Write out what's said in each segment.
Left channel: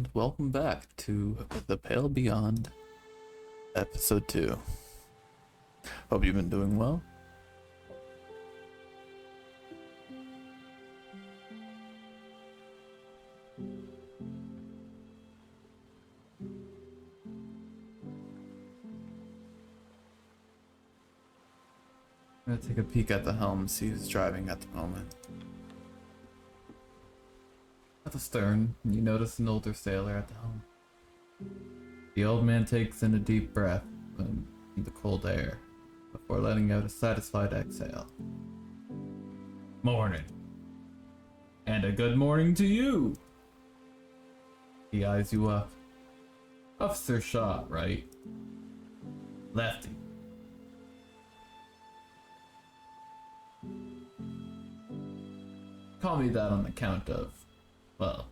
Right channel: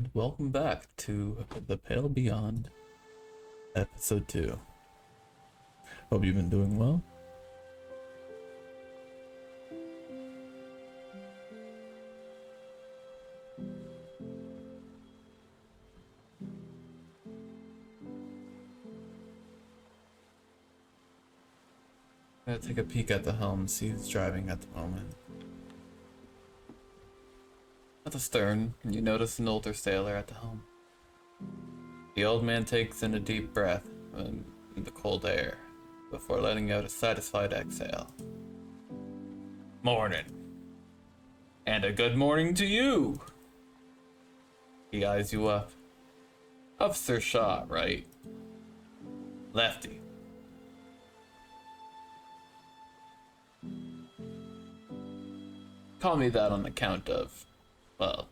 and welcome back to The Pale Beyond, Episode 2. Hope you've been doing well. I'm gonna take a peek at the helm, see who's driving at the moment. At the stern, you notice an older sailor at the helm. The old man takes in a deep breath in the cold air before letting out a satisfied exhale. Morning. And a good morning to you. He eyes you up. Officer shot, right? Lefty. Call me that on account of, well,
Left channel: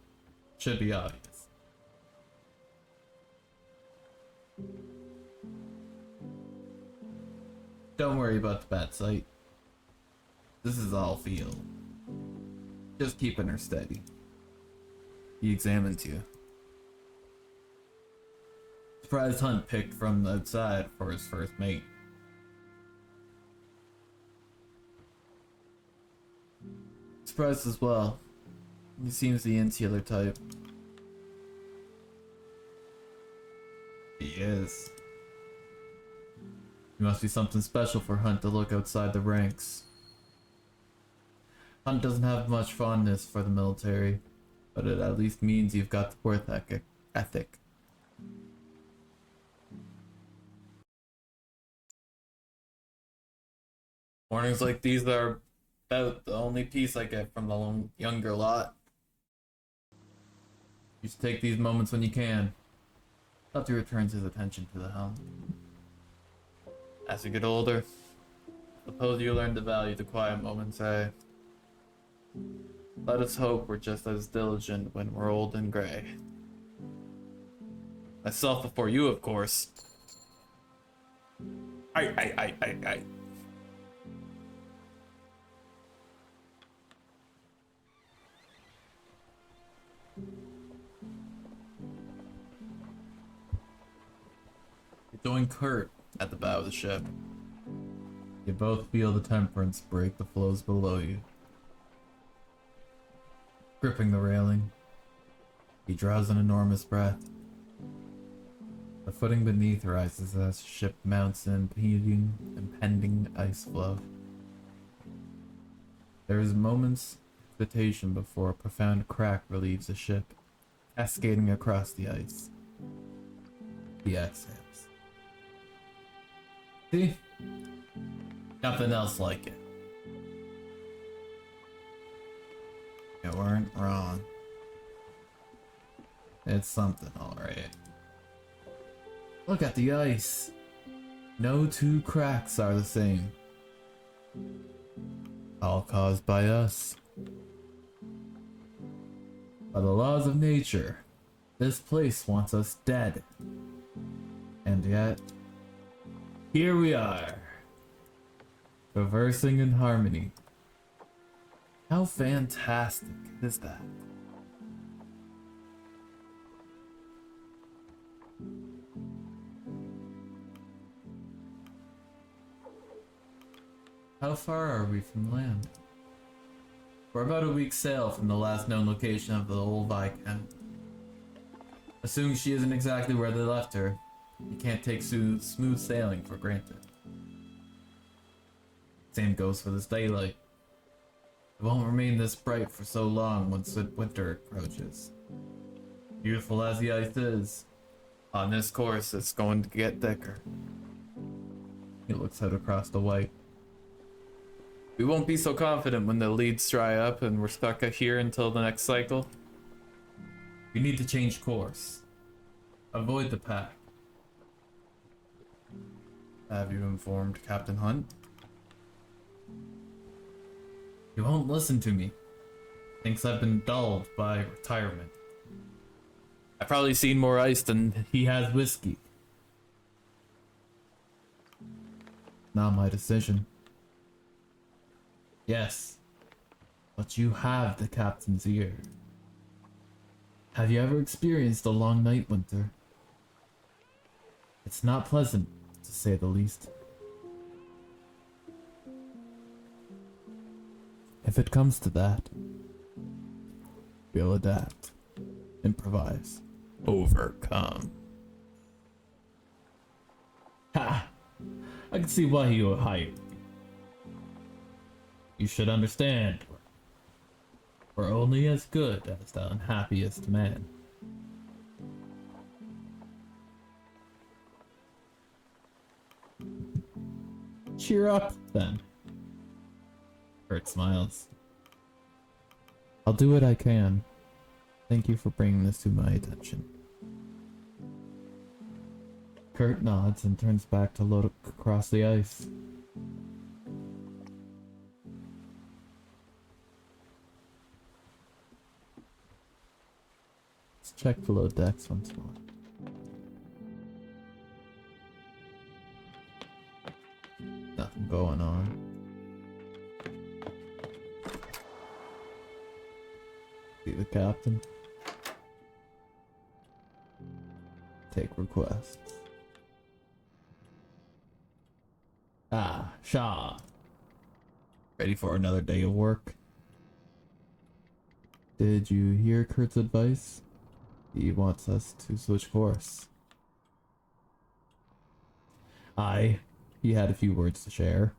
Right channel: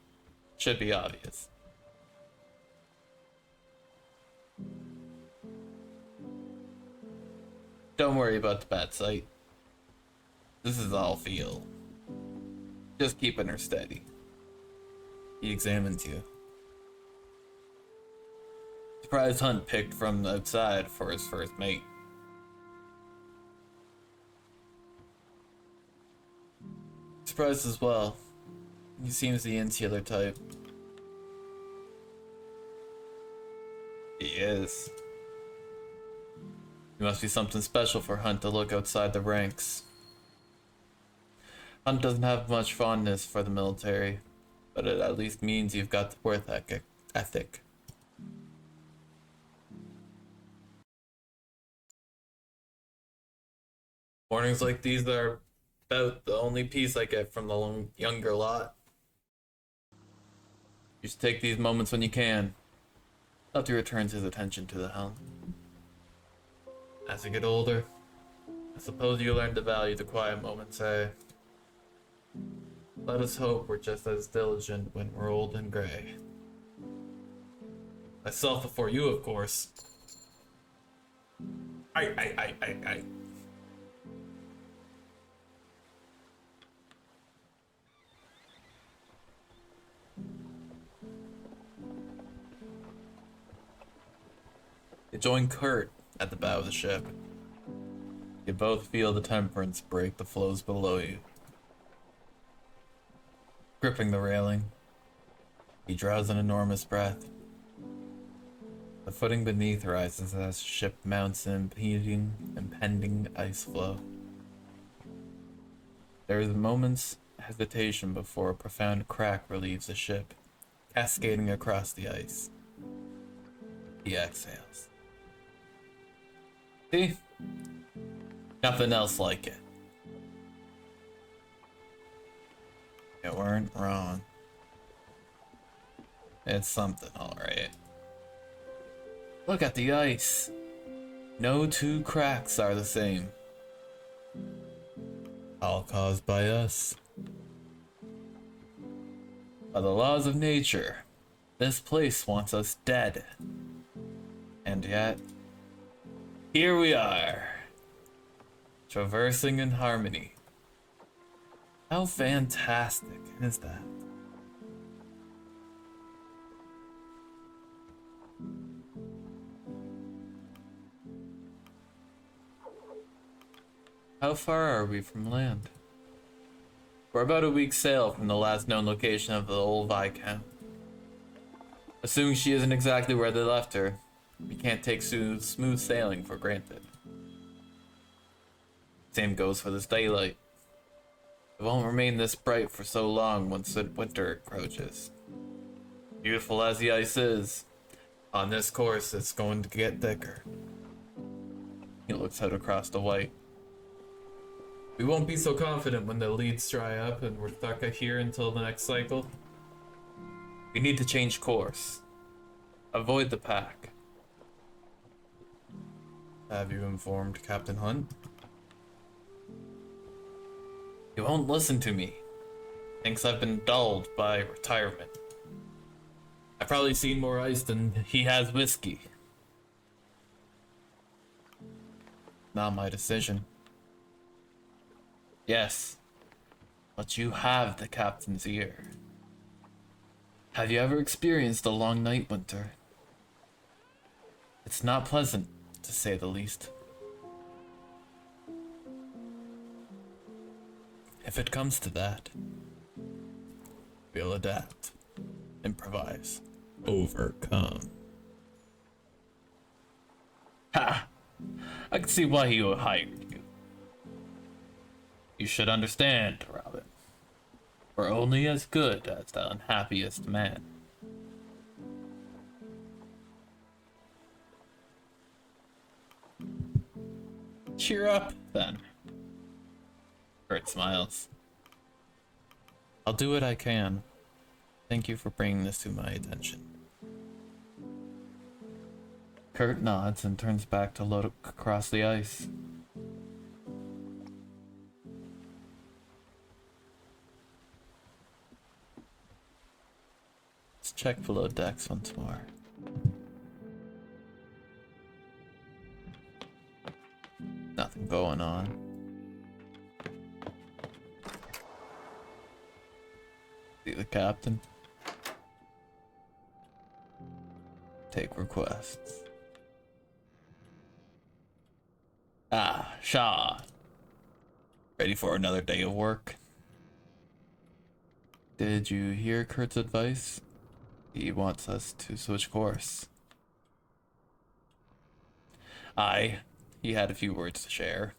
should be obvious. Don't worry about the bad sight. This is all feel. Just keeping her steady. He examines you. Surprise hunt picked from the outside for his first mate. Surprised as well. He seems the insular type. He is. He must be something special for Hunt to look outside the ranks. Hunt doesn't have much fondness for the military, but it at least means you've got the work ethic. Mornings like these are about the only peace I get from the younger lot. You should take these moments when you can. Lefty returns his attention to the helm. As you get older, I suppose you learn to value the quiet moments, eh? Let us hope we're just as diligent when we're old and gray. Myself before you, of course. Aye. You join Kurt at the bow of the ship. You both feel the temperance break the floes below you. Gripping the railing, he draws an enormous breath. The footing beneath rises as the ship mounts an impending ice floe. There is a moment's hesitation before a profound crack relieves the ship, cascading across the ice. He exhales. See? Nothing else like it. You weren't wrong. It's something, alright. Look at the ice. No two cracks are the same. All caused by us. By the laws of nature, this place wants us dead. And yet, here we are, traversing in harmony. How fantastic is that? How far are we from land? We're about a week's sail from the last known location of the old Viscount. Assuming she isn't exactly where they left her, we can't take smooth sailing for granted. Same goes for this daylight. It won't remain this bright for so long once winter approaches. Beautiful as the ice is, on this course it's going to get thicker. He looks out across the white. We won't be so confident when the leads dry up and we're stuck here until the next cycle. We need to change course. Avoid the pack. Have you informed Captain Hunt? He won't listen to me. Thinks I've been dulled by retirement. I've probably seen more ice than he has whiskey. Not my decision. Yes, but you have the captain's ear. Have you ever experienced a long night, Winter? It's not pleasant, to say the least. If it comes to that, we'll adapt, improvise, overcome. Ha! I can see why he hired you. You should understand, Robin. We're only as good as the unhappiest man. Cheer up, then. Kurt smiles. I'll do what I can. Thank you for bringing this to my attention. Kurt nods and turns back to look across the ice. Let's check below decks once more. Nothing going on. See the captain. Take requests. Ah, Shaw. Ready for another day of work? Did you hear Kurt's advice? He wants us to switch course. Aye, he had a few words to share.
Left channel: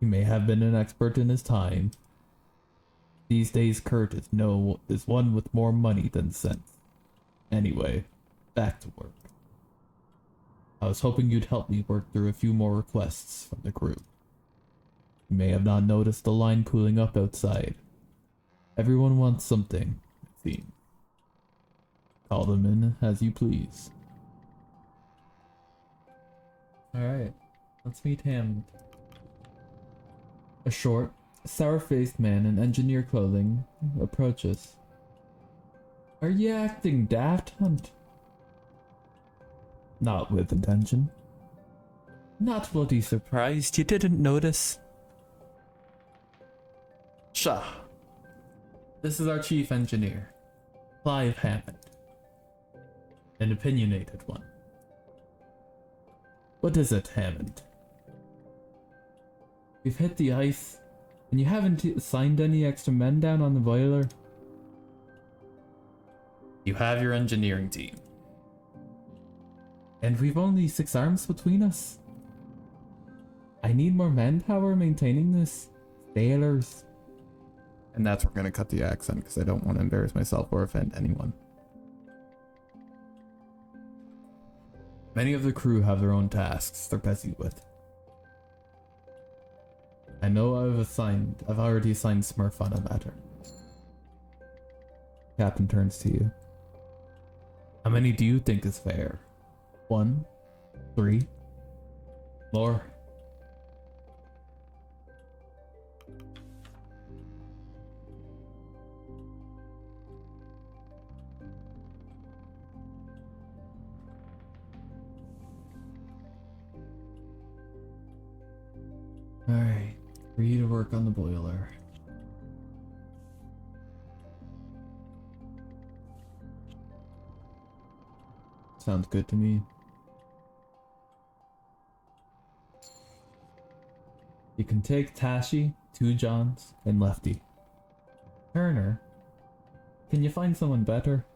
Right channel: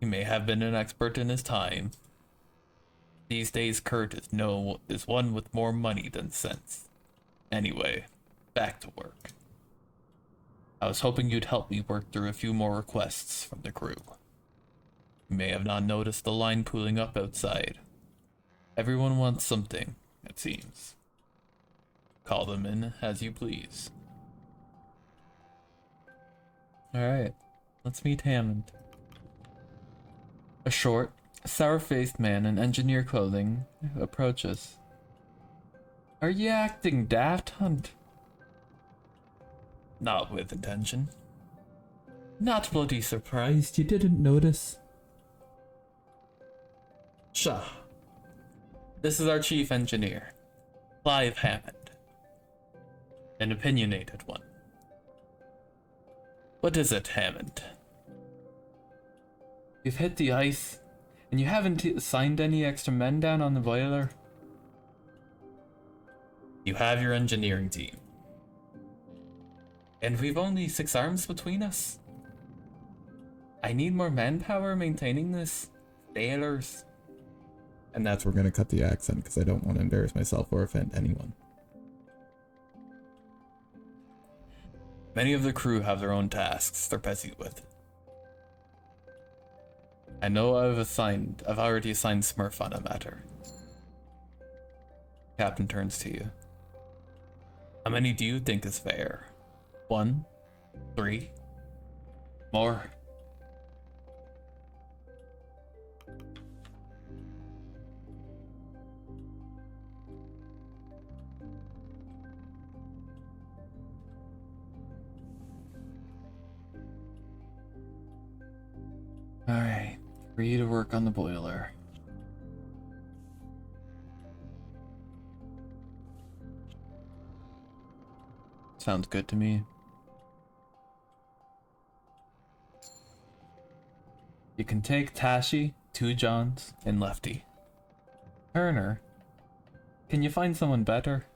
He may have been an expert in his time. These days Kurt is one with more money than sense. Anyway, back to work. I was hoping you'd help me work through a few more requests from the crew. You may have not noticed the line pooling up outside. Everyone wants something, it seems. Call them in as you please. Alright, let's meet Hammond. A short, sour-faced man in engineer clothing approaches. Are you acting daft, Hunt? Not with intention. Not bloody surprised you didn't notice. Shah. This is our chief engineer, Clive Hammond. An opinionated one. What is it, Hammond? You've hit the ice, and you haven't assigned any extra men down on the boiler. You have your engineering team. And we've only 6 arms between us. I need more manpower maintaining this. Sailors. And that's where we're going to cut the accent because I don't want to embarrass myself or offend anyone. Many of the crew have their own tasks they're busy with. I know I've already assigned Smurf on a matter. Captain turns to you. How many do you think is fair? 1? 3? More? Alright, free to work on the boiler. Sounds good to me. You can take Tashi, 2 Johns, and Lefty. Turner, can you find someone better?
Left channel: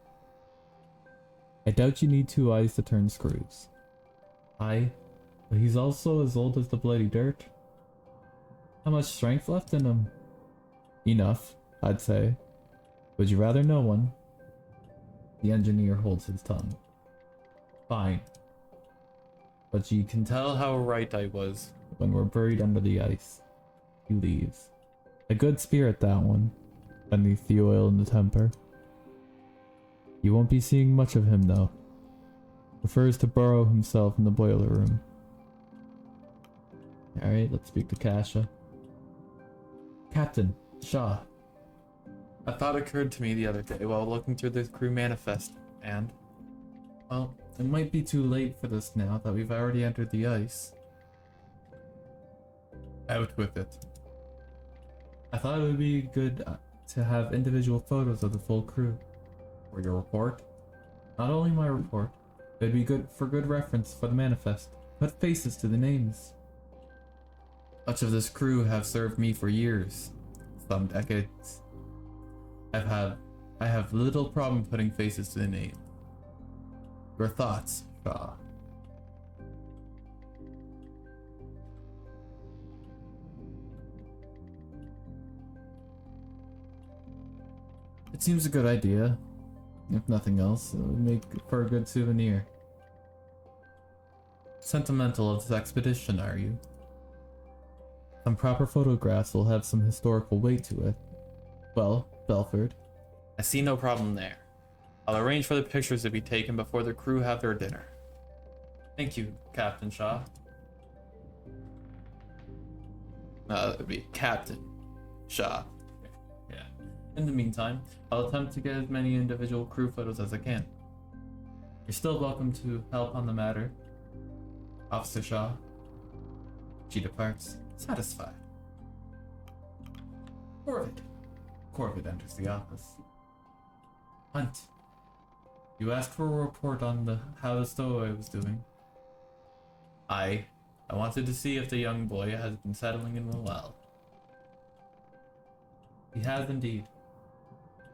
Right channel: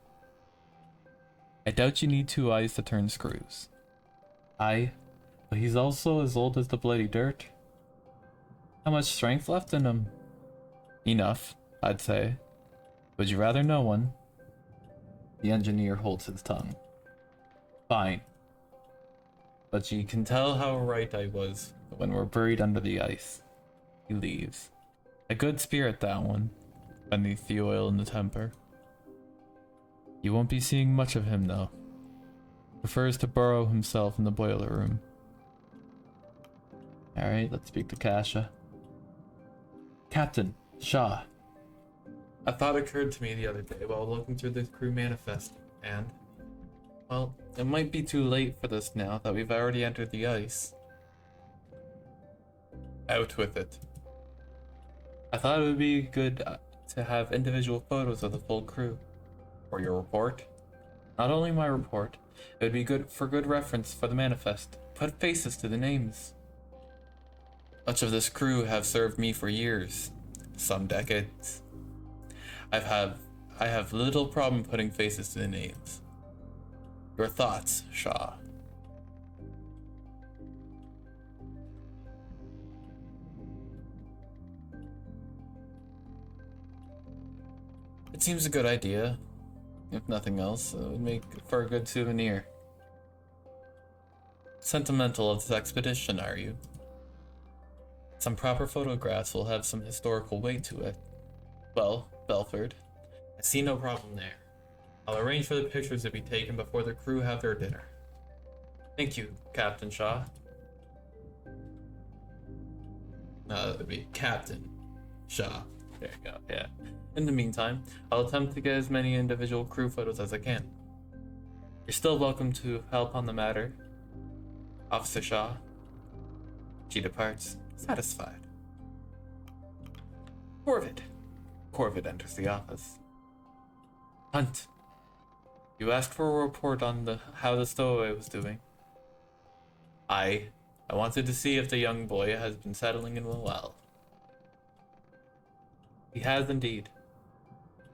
I doubt you need 2 eyes to turn screws. Aye, but he's also as old as the bloody dirt. How much strength left in him? Enough, I'd say. Would you rather know one? The engineer holds his tongue. Fine. But you can tell how right I was when we're buried under the ice. He leaves. A good spirit, that one. Beneath the oil and the temper. You won't be seeing much of him, though. Prefers to burrow himself in the boiler room. Alright, let's speak to Kasha. Captain, Shaw. A thought occurred to me the other day while looking through the crew manifest, and... well, it might be too late for this now that we've already entered the ice. Out with it. I thought it would be good to have individual photos of the full crew. For your report? Not only my report, it would be good for good reference for the manifest. Put faces to the names. Much of this crew have served me for years, some decades. I have little problem putting faces to the names. Your thoughts, Shaw? It seems a good idea. If nothing else, it would make for a good souvenir. Sentimental of this expedition, are you? Some proper photographs will have some historical weight to it. Well, Belford, I see no problem there. I'll arrange for the pictures to be taken before the crew have their dinner. Thank you, Captain Shaw. That would be Captain Shaw. There you go, yeah. In the meantime, I'll attempt to get as many individual crew photos as I can. You're still welcome to help on the matter, Officer Shaw. She departs, satisfied. Corvid enters the office. Hunt, you asked for a report on how the stowaway was doing. I wanted to see if the young boy has been settling in well. He has indeed.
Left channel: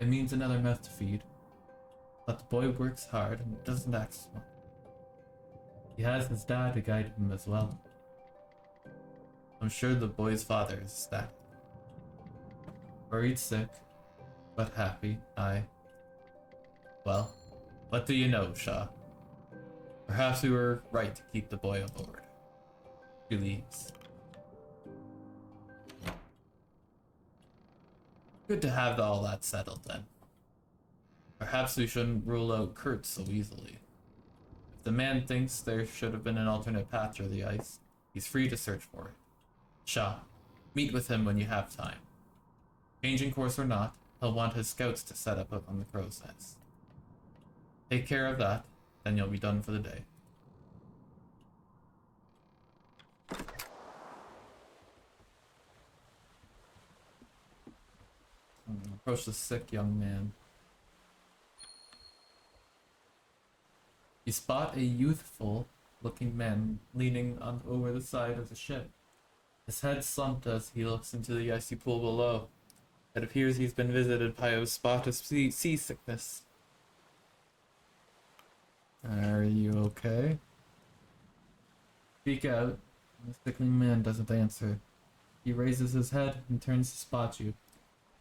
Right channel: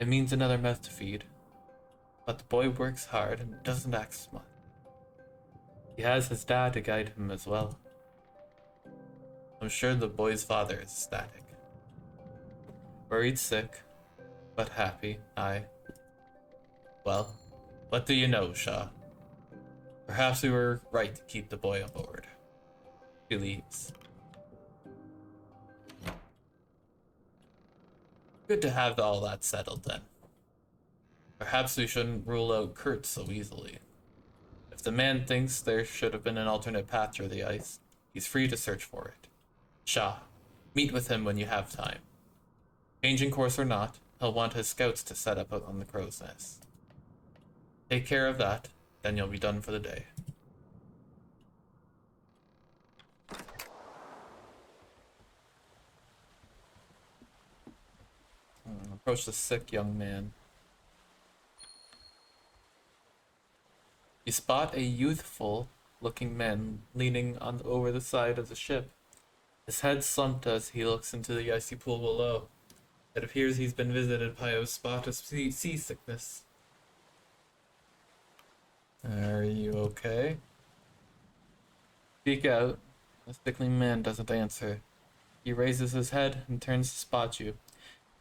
It means another mouth to feed. But the boy works hard and doesn't act smart. He has his dad to guide him as well. I'm sure the boy's father is ecstatic. Worried sick, but happy, aye. Well, what do you know, Shaw? Perhaps we were right to keep the boy aboard. He leaves. Good to have all that settled then. Perhaps we shouldn't rule out Kurt so easily. If the man thinks there should have been an alternate path through the ice, he's free to search for it. Shaw, meet with him when you have time. Changing course or not, he'll want his scouts to set up on the crow's nest. Take care of that, then you'll be done for the day. Approach the sick young man. You spot a youthful looking man leaning on over the side of the ship. His head slumped as he looks into the icy pool below. It appears he's been visited by a spot of seasickness. Are you okay? Speak out. The sickling man doesn't answer. He raises his head and turns to spot you,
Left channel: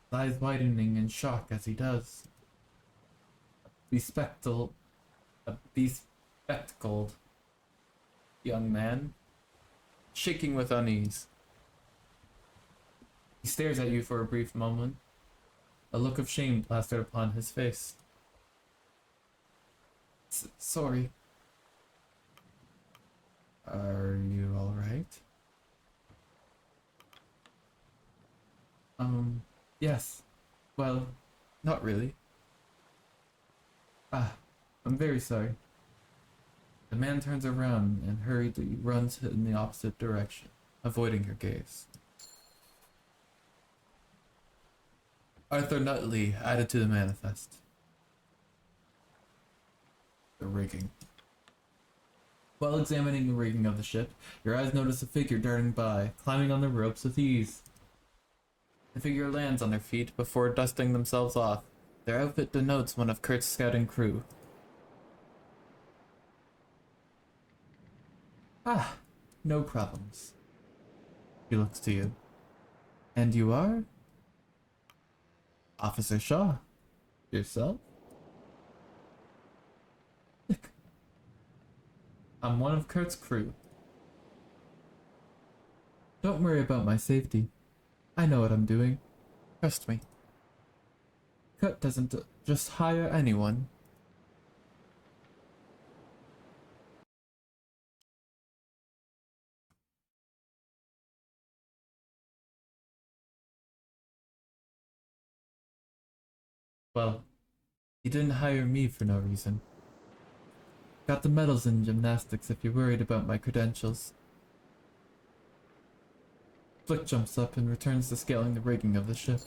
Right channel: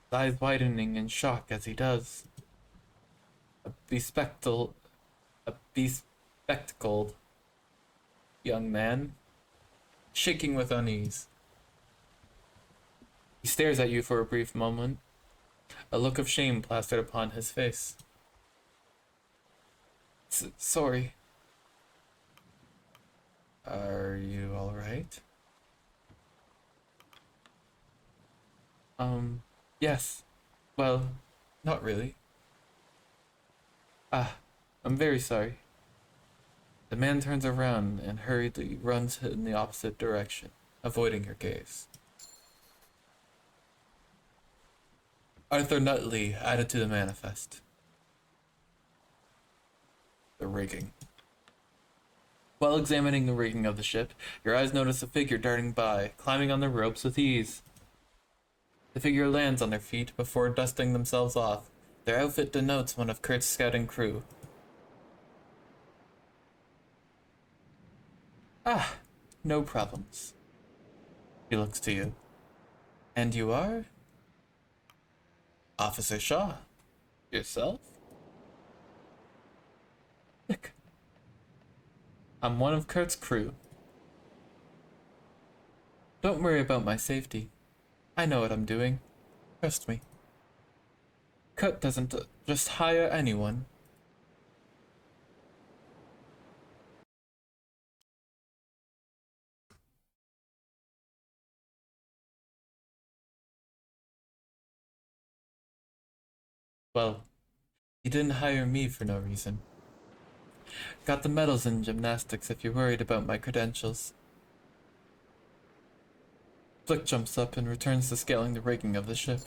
his eyes widening in shock as he does. A bespectacled young man, shaking with unease. He stares at you for a brief moment, a look of shame plastered upon his face. Sorry. Are you alright? Yes. Well, not really. I'm very sorry. The man turns around and hurriedly runs in the opposite direction, avoiding your gaze. Arthur Nutley added to the manifest. The rigging. While examining the rigging of the ship, your eyes notice a figure darting by, climbing on the ropes with ease. The figure lands on their feet before dusting themselves off. Their outfit denotes one of Kurt's scouting crew. No problems. He looks to you. And you are? Officer Shaw. Yourself? Look. I'm one of Kurt's crew. Don't worry about my safety. I know what I'm doing. Trust me. Kurt doesn't just hire anyone. Well, he didn't hire me for no reason. Got the medals in gymnastics if you're worried about my credentials. Flick jumps up and returns to scaling the rigging of the ship.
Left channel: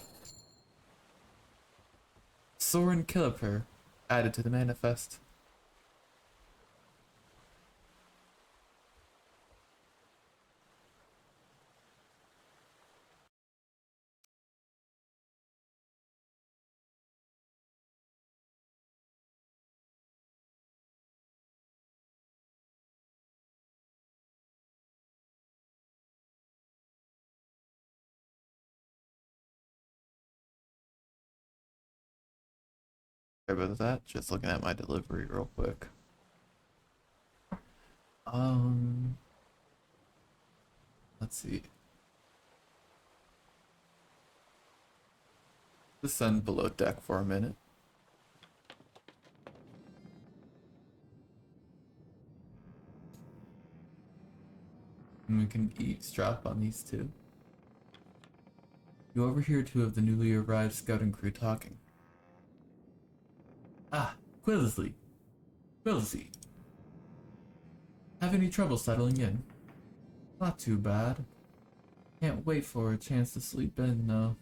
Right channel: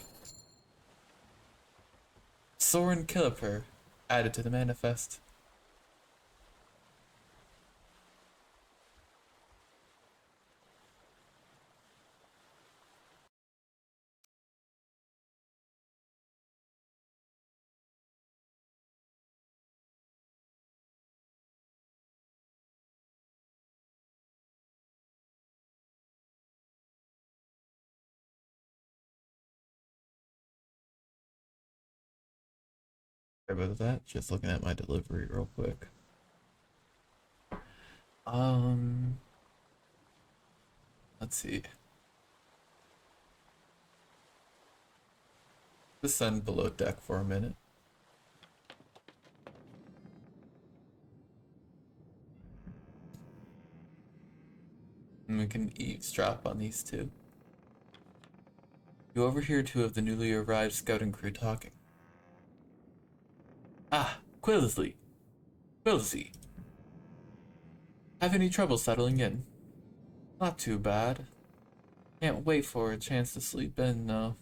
Soren Kiliper added to the manifest. Sorry about that. Just looking at my delivery real quick. Um, let's see. Descend below deck for a minute. And we can eavesdrop on these two. You overhear two of the newly arrived scouting crew talking. Ah, Quillsley. Quillsy. Have any trouble settling in? Not too bad. Can't wait for a chance to sleep in, though.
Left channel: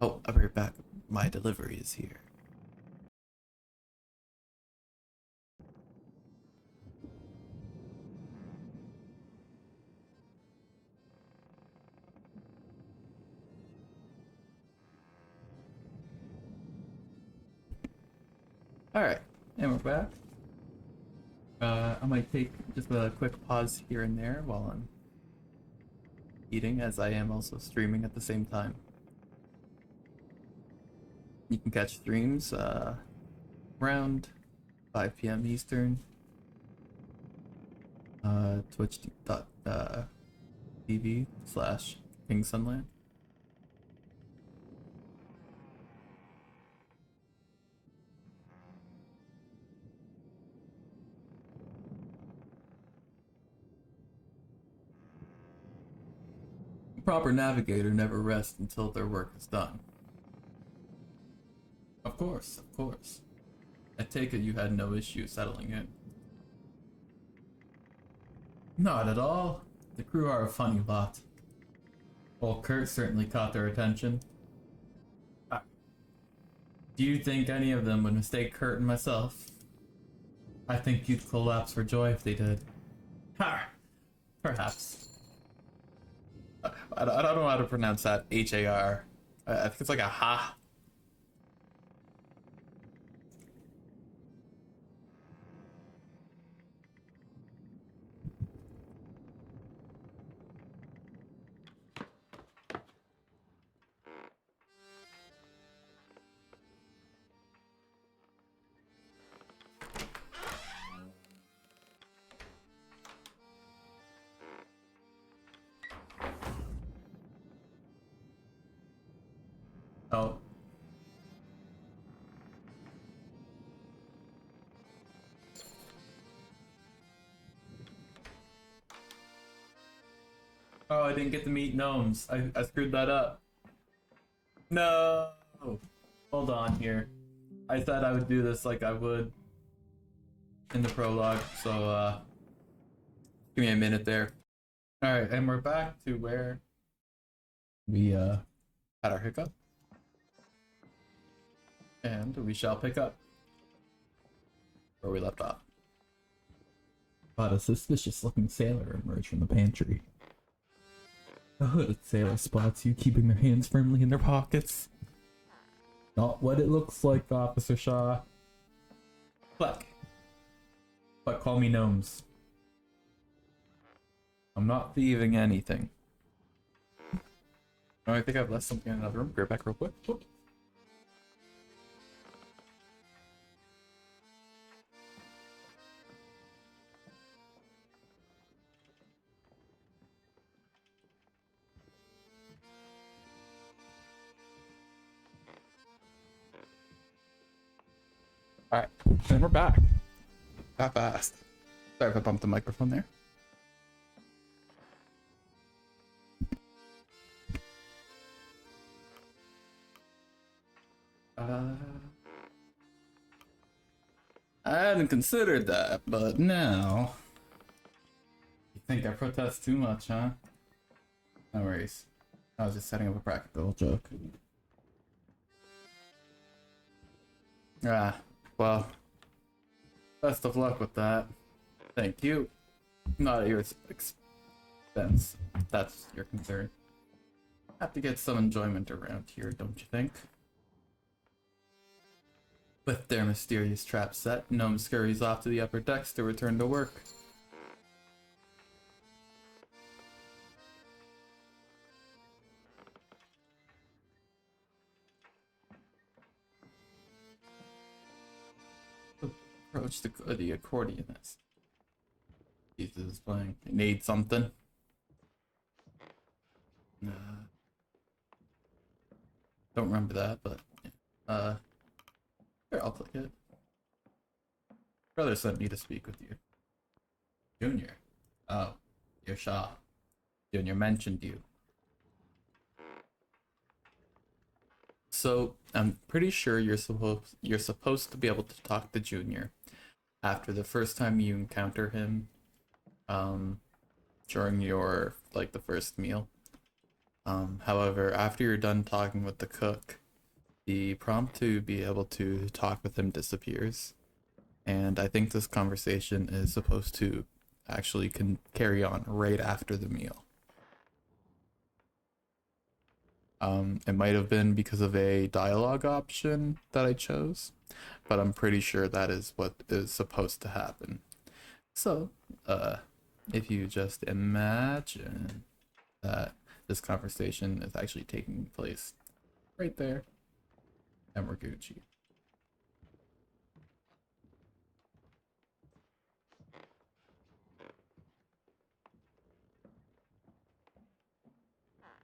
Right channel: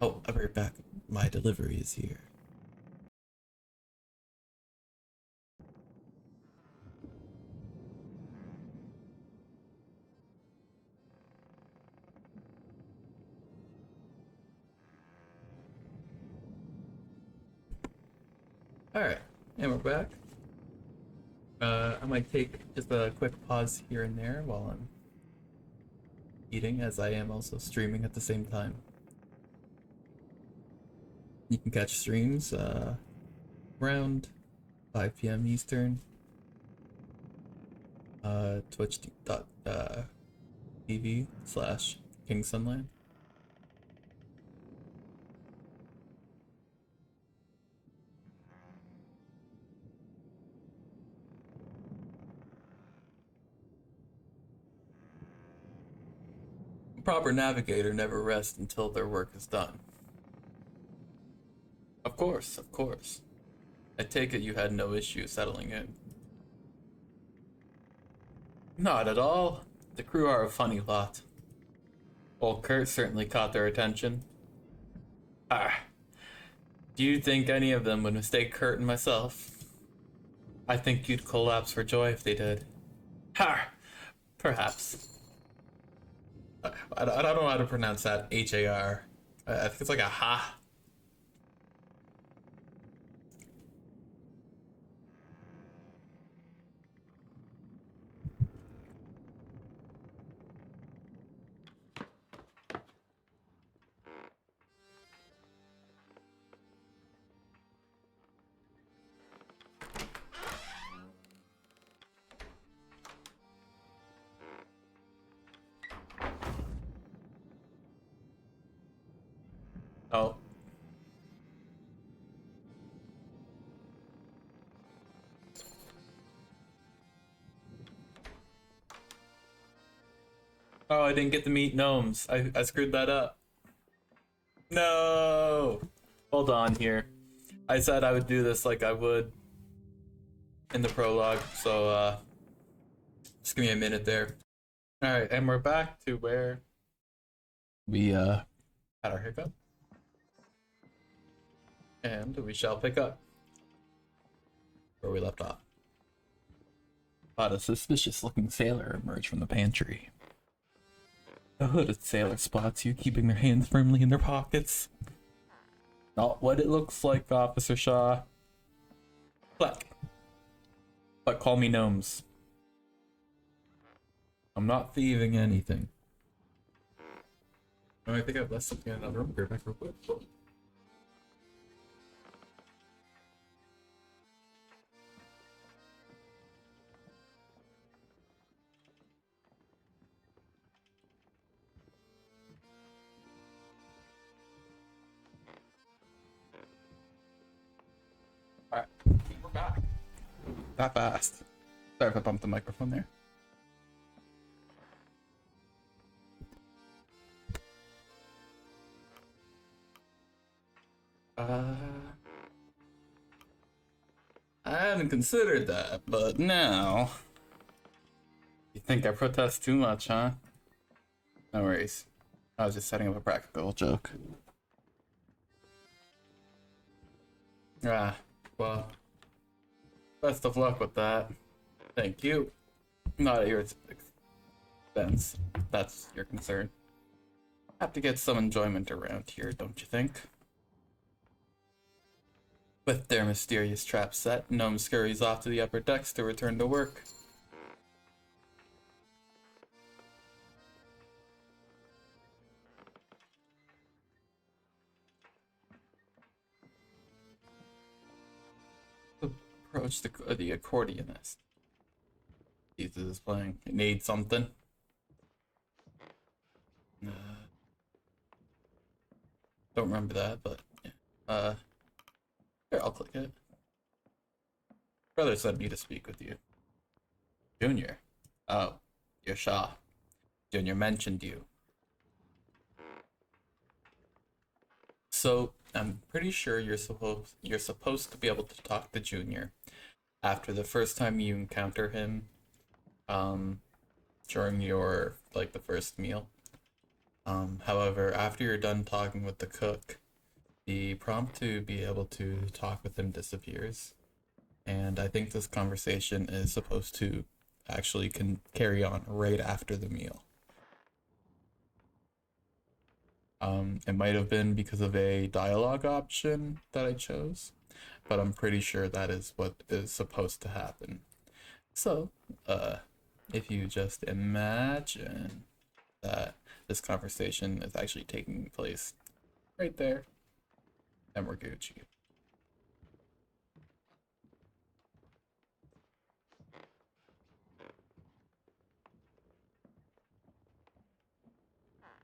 Oh, I'll be right back. My delivery is here. Alright, and we're back. I might take just a quick pause here and there while I'm eating, as I am also streaming at the same time. You can catch streams around 5 p.m. Eastern. Twitch.tv/King Sunland. A proper navigator never rests until their work is done. Of course, of course. I take it you had no issue settling in. Not at all. The crew are a funny lot. Old Kurt certainly caught their attention. Ah, do you think any of them would mistake Kurt and myself? I think you'd collapse for joy if they did. Ha! Perhaps. I don't know how to pronounce that. H-A-R. I think it's like a ha. Oh. Oh, I didn't get to meet gnomes. I screwed that up. No! Hold on here. I said I would do this like I would in the prologue, so just give me a minute there. Alright, and we're back to where we had our hiccup. And we shall pick up where we left off. But a suspicious looking sailor emerged from the pantry. The hooded sailor spots you, keeping their hands firmly in their pockets. Not what it looks like, Officer Shaw. Fleck. But call me gnomes. I'm not thieving anything. Oh, I think I've left something in another room. Go back real quick. Whoop. Alright, and we're back. That fast. Sorry if I bumped the microphone there. I hadn't considered that, but now... You think I protest too much, huh? No worries. I was just setting up a practical joke. Ah, well, best of luck with that. Thank you. Not at your expense, if that's your concern. Have to get some enjoyment around here, don't you think? With their mysterious trap set, Gnome scurries off to the upper decks to return to work. Approach the accordionist. Jesus is playing. You need something? Uh, don't remember that, but yeah. Here, I'll click it. Brother sent me to speak with you. Junior. Oh, you're Shaw. Junior mentioned you. So I'm pretty sure you're supposed to be able to talk to Junior after the first time you encounter him, um, during your like the first meal. However, after you're done talking with the cook, the prompt to be able to talk with him disappears, and I think this conversation is supposed to actually can carry on right after the meal. It might have been because of a dialogue option that I chose, but I'm pretty sure that is what is supposed to happen. So, uh, if you just imagine that this conversation is actually taking place right there, and we're Gucci.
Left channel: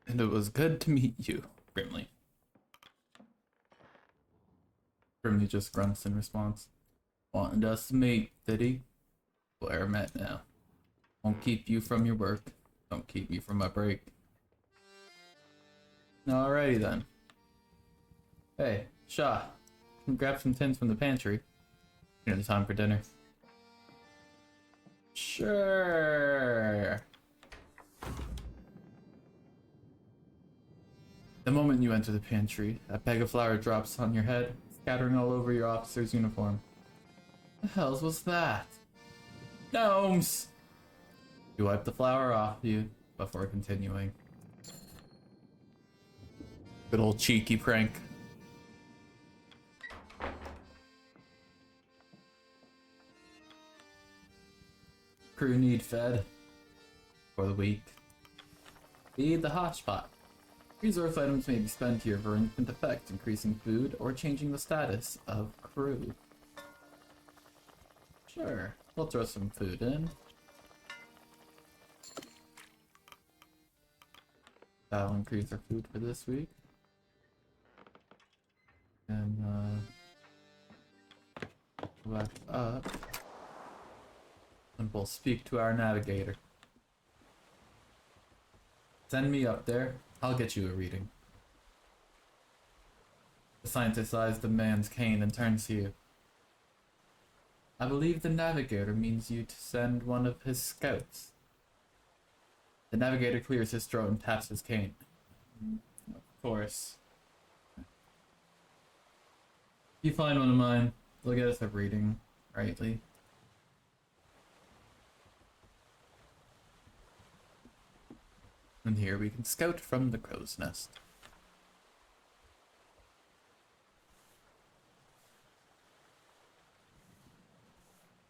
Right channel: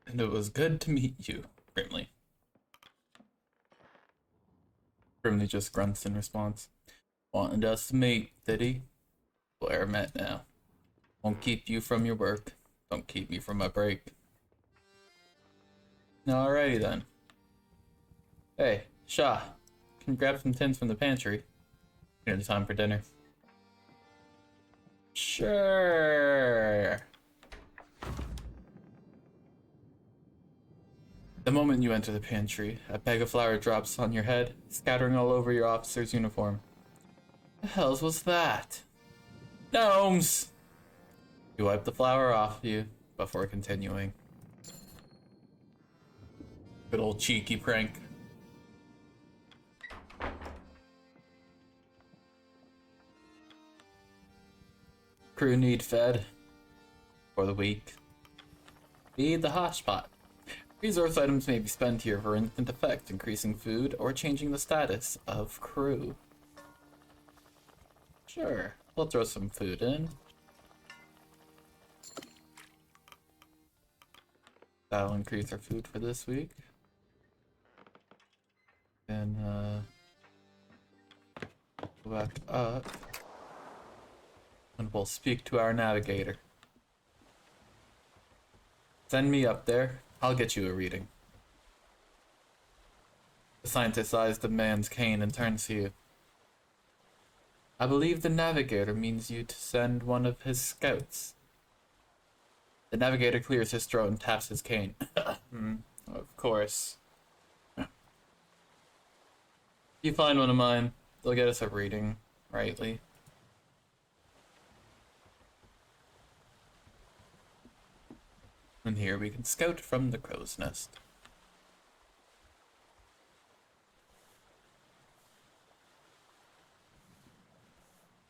And it was good to meet you, Grimly. Grimly just grunts in response. Wanted us to meet, did he? Blair met now. Won't keep you from your work. Don't keep me from my break. Alrighty then. Hey, Shaw, can you grab some tins from the pantry? Nearly time for dinner. Sure. The moment you enter the pantry, a bag of flour drops on your head, scattering all over your officer's uniform. The hells was that? Gnomes! You wipe the flour off you before continuing. Good old cheeky prank. Crew need fed for the week. Feed the hotspot. Resource items may be spent here for instant effect, increasing food or changing the status of crew. Sure, we'll throw some food in. That'll increase our food for this week. And go back up. And we'll speak to our navigator. Send me up there. I'll get you a reading. The scientist eyes the man's cane and turns to you. I believe the navigator means you to send one of his scouts. The navigator clears his throat and taps his cane. Of course. If you find one of mine, they'll get us a reading, rightly. And here we can scout from the crow's nest.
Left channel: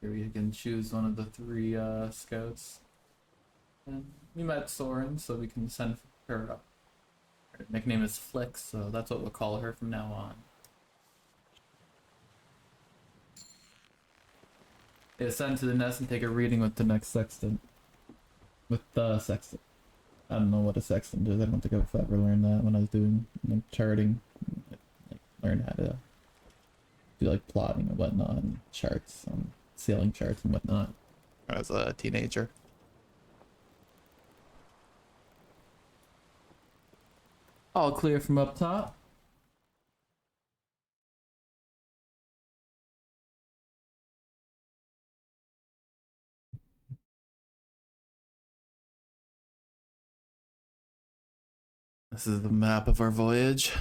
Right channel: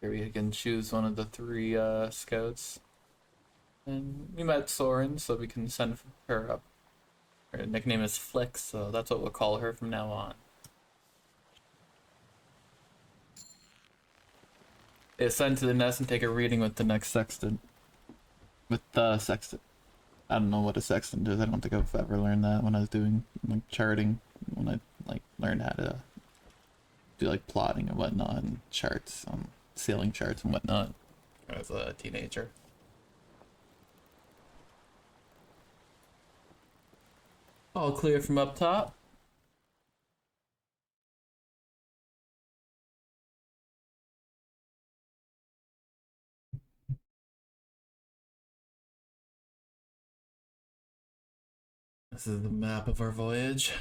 Here we can choose one of the three scouts. And we met Soren, so we can send her up. Her nickname is Flick, so that's what we'll call her from now on. Ascend to the nest and take a reading with the next sextant. With the sextant. I don't know what a sextant is. I don't think I've ever learned that when I was doing like charting. When I like learned how to do like plotting and whatnot and charts, sailing charts and whatnot as a teenager. All clear from up top. This is the map of our voyage.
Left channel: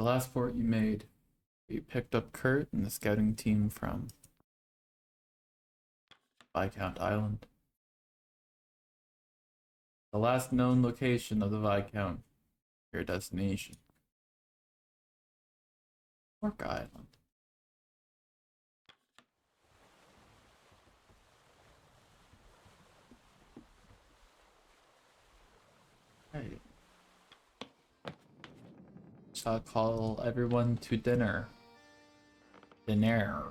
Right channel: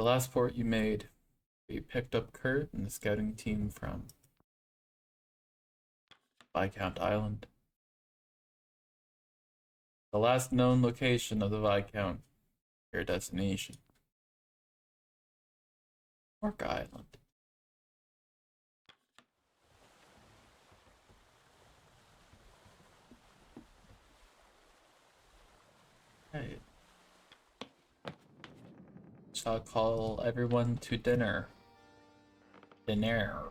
the last port you made? You picked up Kurt and the scouting team from Viscount Island. The last known location of the Viscount. Your destination. Orc Island. Hey. Shall call everyone to dinner. Dinner.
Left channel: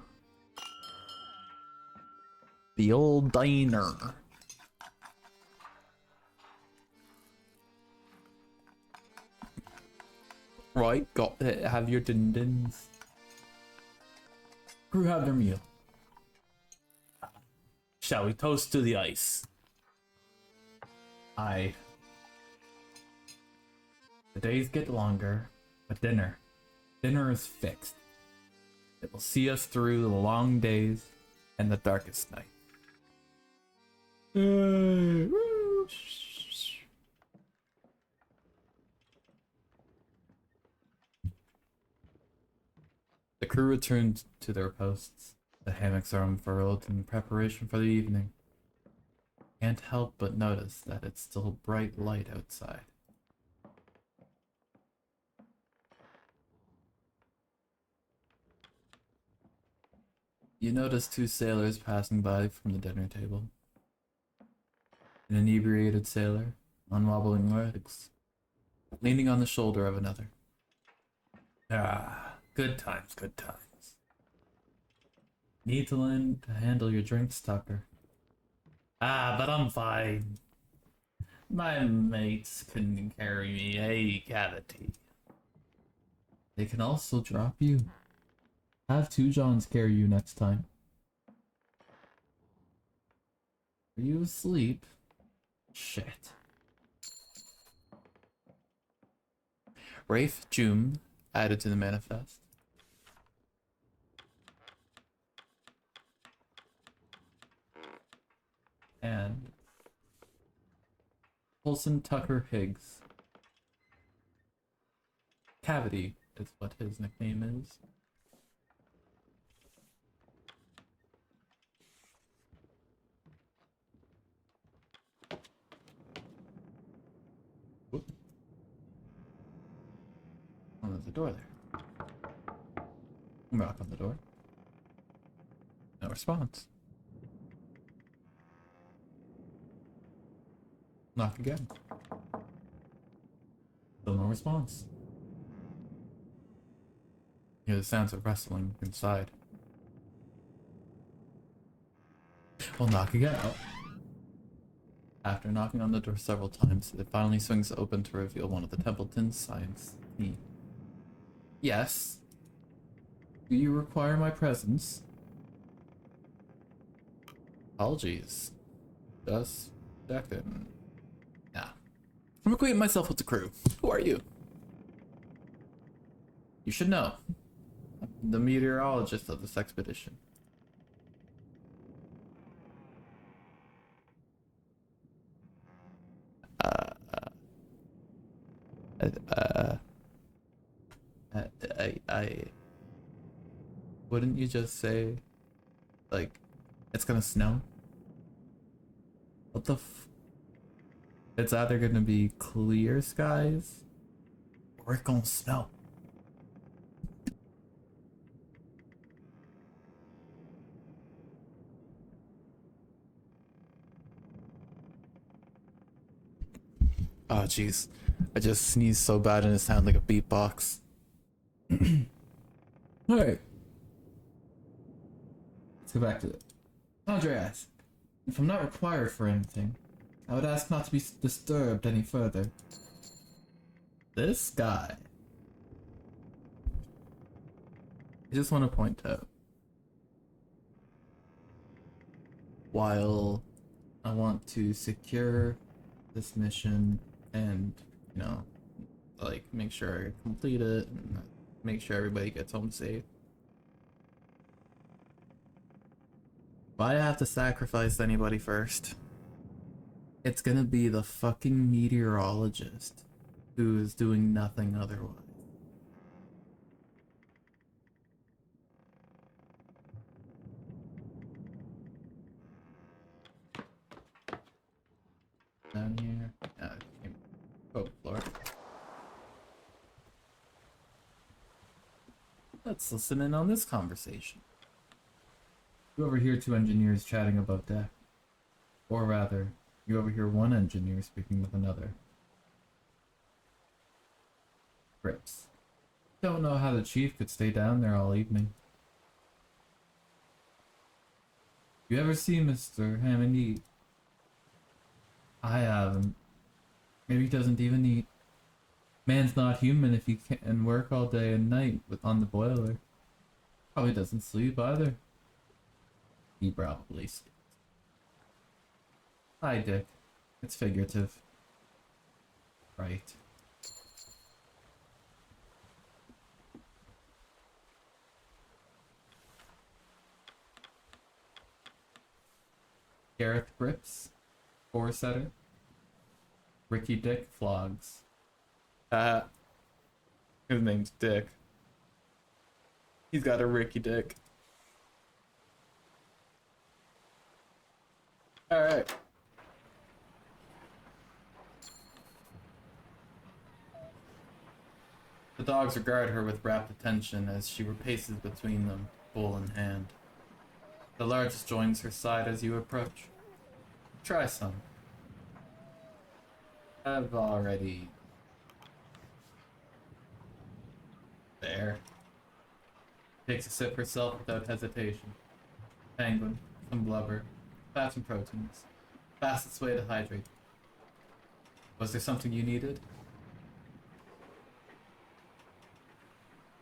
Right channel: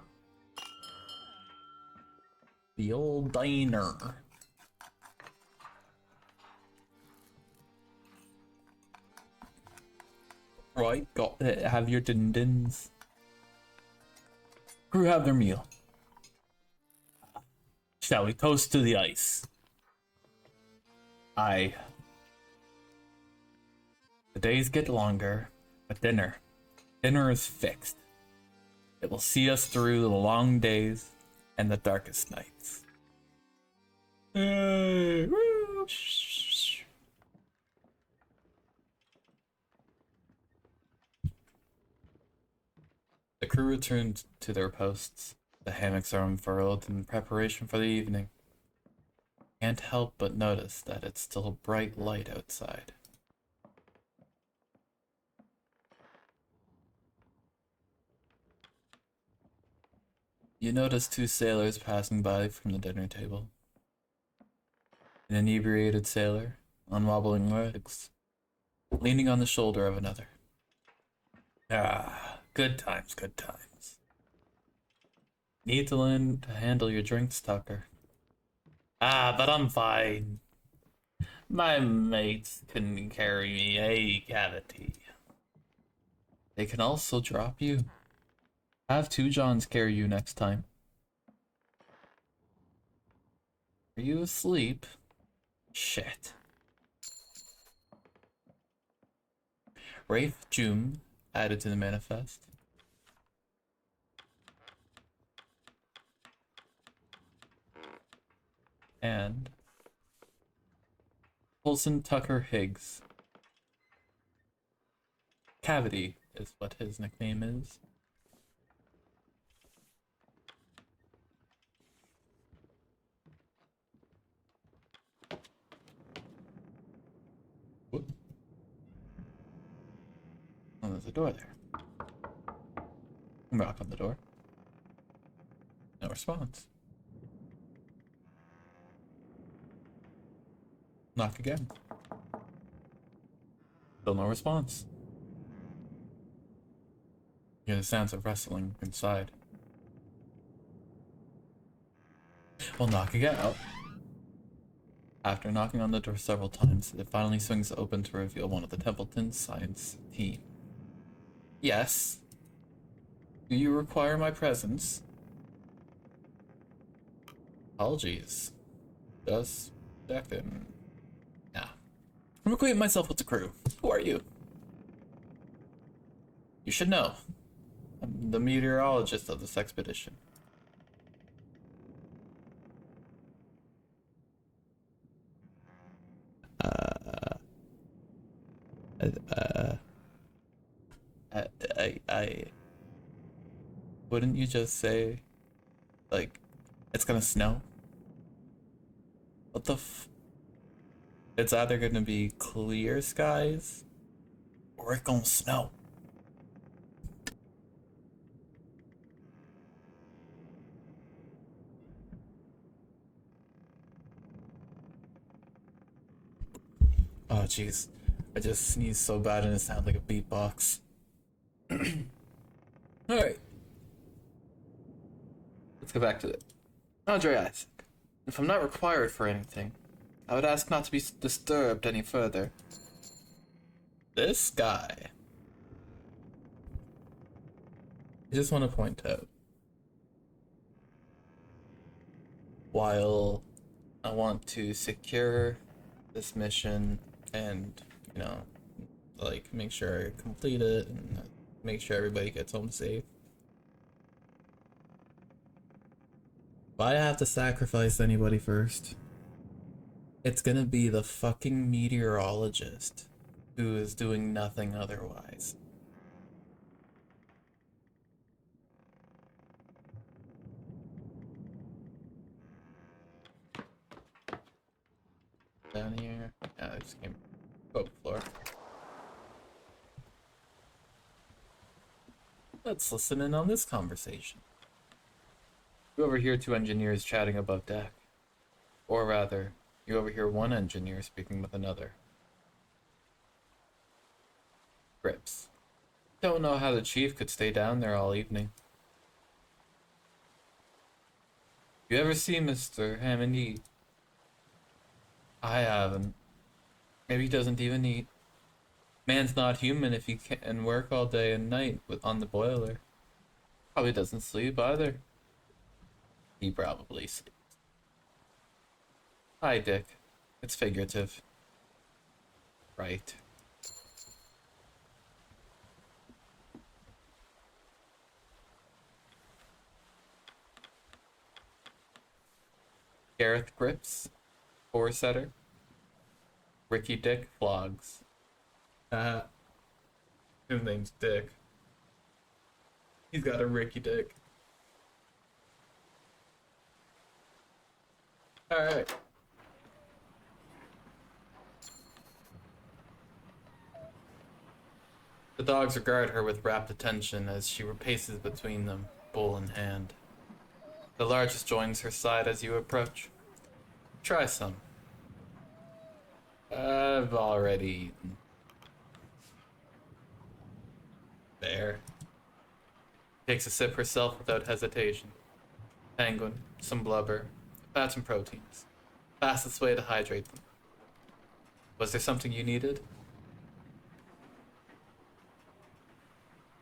The old diner. Right, got it. Have your din-dins. Crew have their meal. Shall we toast to the ice? Aye. The days get longer, but dinner is fixed. It will see us through the long days and the darkest nights. The crew returned to their posts. The hammocks are unfurled in preparation for the evening. Can't help but notice that it's still bright light outside. You notice two sailors passing by from the dinner table. An inebriated sailor, on wobbling legs, leaning on the shoulder of another. Ah, good times, good times. Need to learn to handle your drinks, Tucker. Ah, but I'm fine. My mates can carry me a cavity. They can also drop you. Have two Johns carry you next time. Are you asleep? Shit. Rafe June added to the manifest. And Colson Tucker Higgs. Cavity is what his nickname is. Whoop. Oh, there's a door there. Knock on the door. No response. Knock again. Still no response. Hear the sounds of wrestling inside. We'll knock again. Oh. After knocking on the door several times, it finally swings open to reveal one of the Templeton science team. Yes? Do you require my presence? Apologies. Just checking. Nah. I'm acquainting myself with the crew. Who are you? You should know. I'm the meteorologist of this expedition. I wouldn't you just say, like, it's gonna snow? What the It's either gonna be clear skies, or it's gonna snow. Oh jeez, I just sneezed so bad and it sounded like a beatbox. Alright. Let's go back to it. Andre Isaac, if I'm not required for anything, I would ask not to be disturbed any further. This guy. I just want to point out, while I want to secure this mission and, you know, like, make sure I complete it and make sure everybody gets home safe, if I have to sacrifice anybody first, it's gonna be the fucking meteorologist who is doing nothing otherwise. Down here. Yeah, I just came. Oh, floor. Let's listen in on this conversation. You overhear two engineers chatting above deck. Or rather, you overhear one engineer speaking with another. Grips. Don't know how the chief could stay down there all evening. You ever see Mr. Hammond eat? I haven't. Maybe he doesn't even eat. Man's not human if he can work all day and night on the boiler. Probably doesn't sleep either. He probably sleeps. Hi, Dick. It's figurative. Right. Gareth Grips, four setter. Ricky Dick flogs. His name's Dick. He's got a Ricky Dick. Alright. The dogs regard her with rapt attention as she paces between them, bowl in hand. The largest joins her side as you approach. Try some. I've already eaten. There. Takes a sip herself without hesitation. Penguin, some blubber, fats and proteins. Fastest way to hydrate them. Was there something you needed?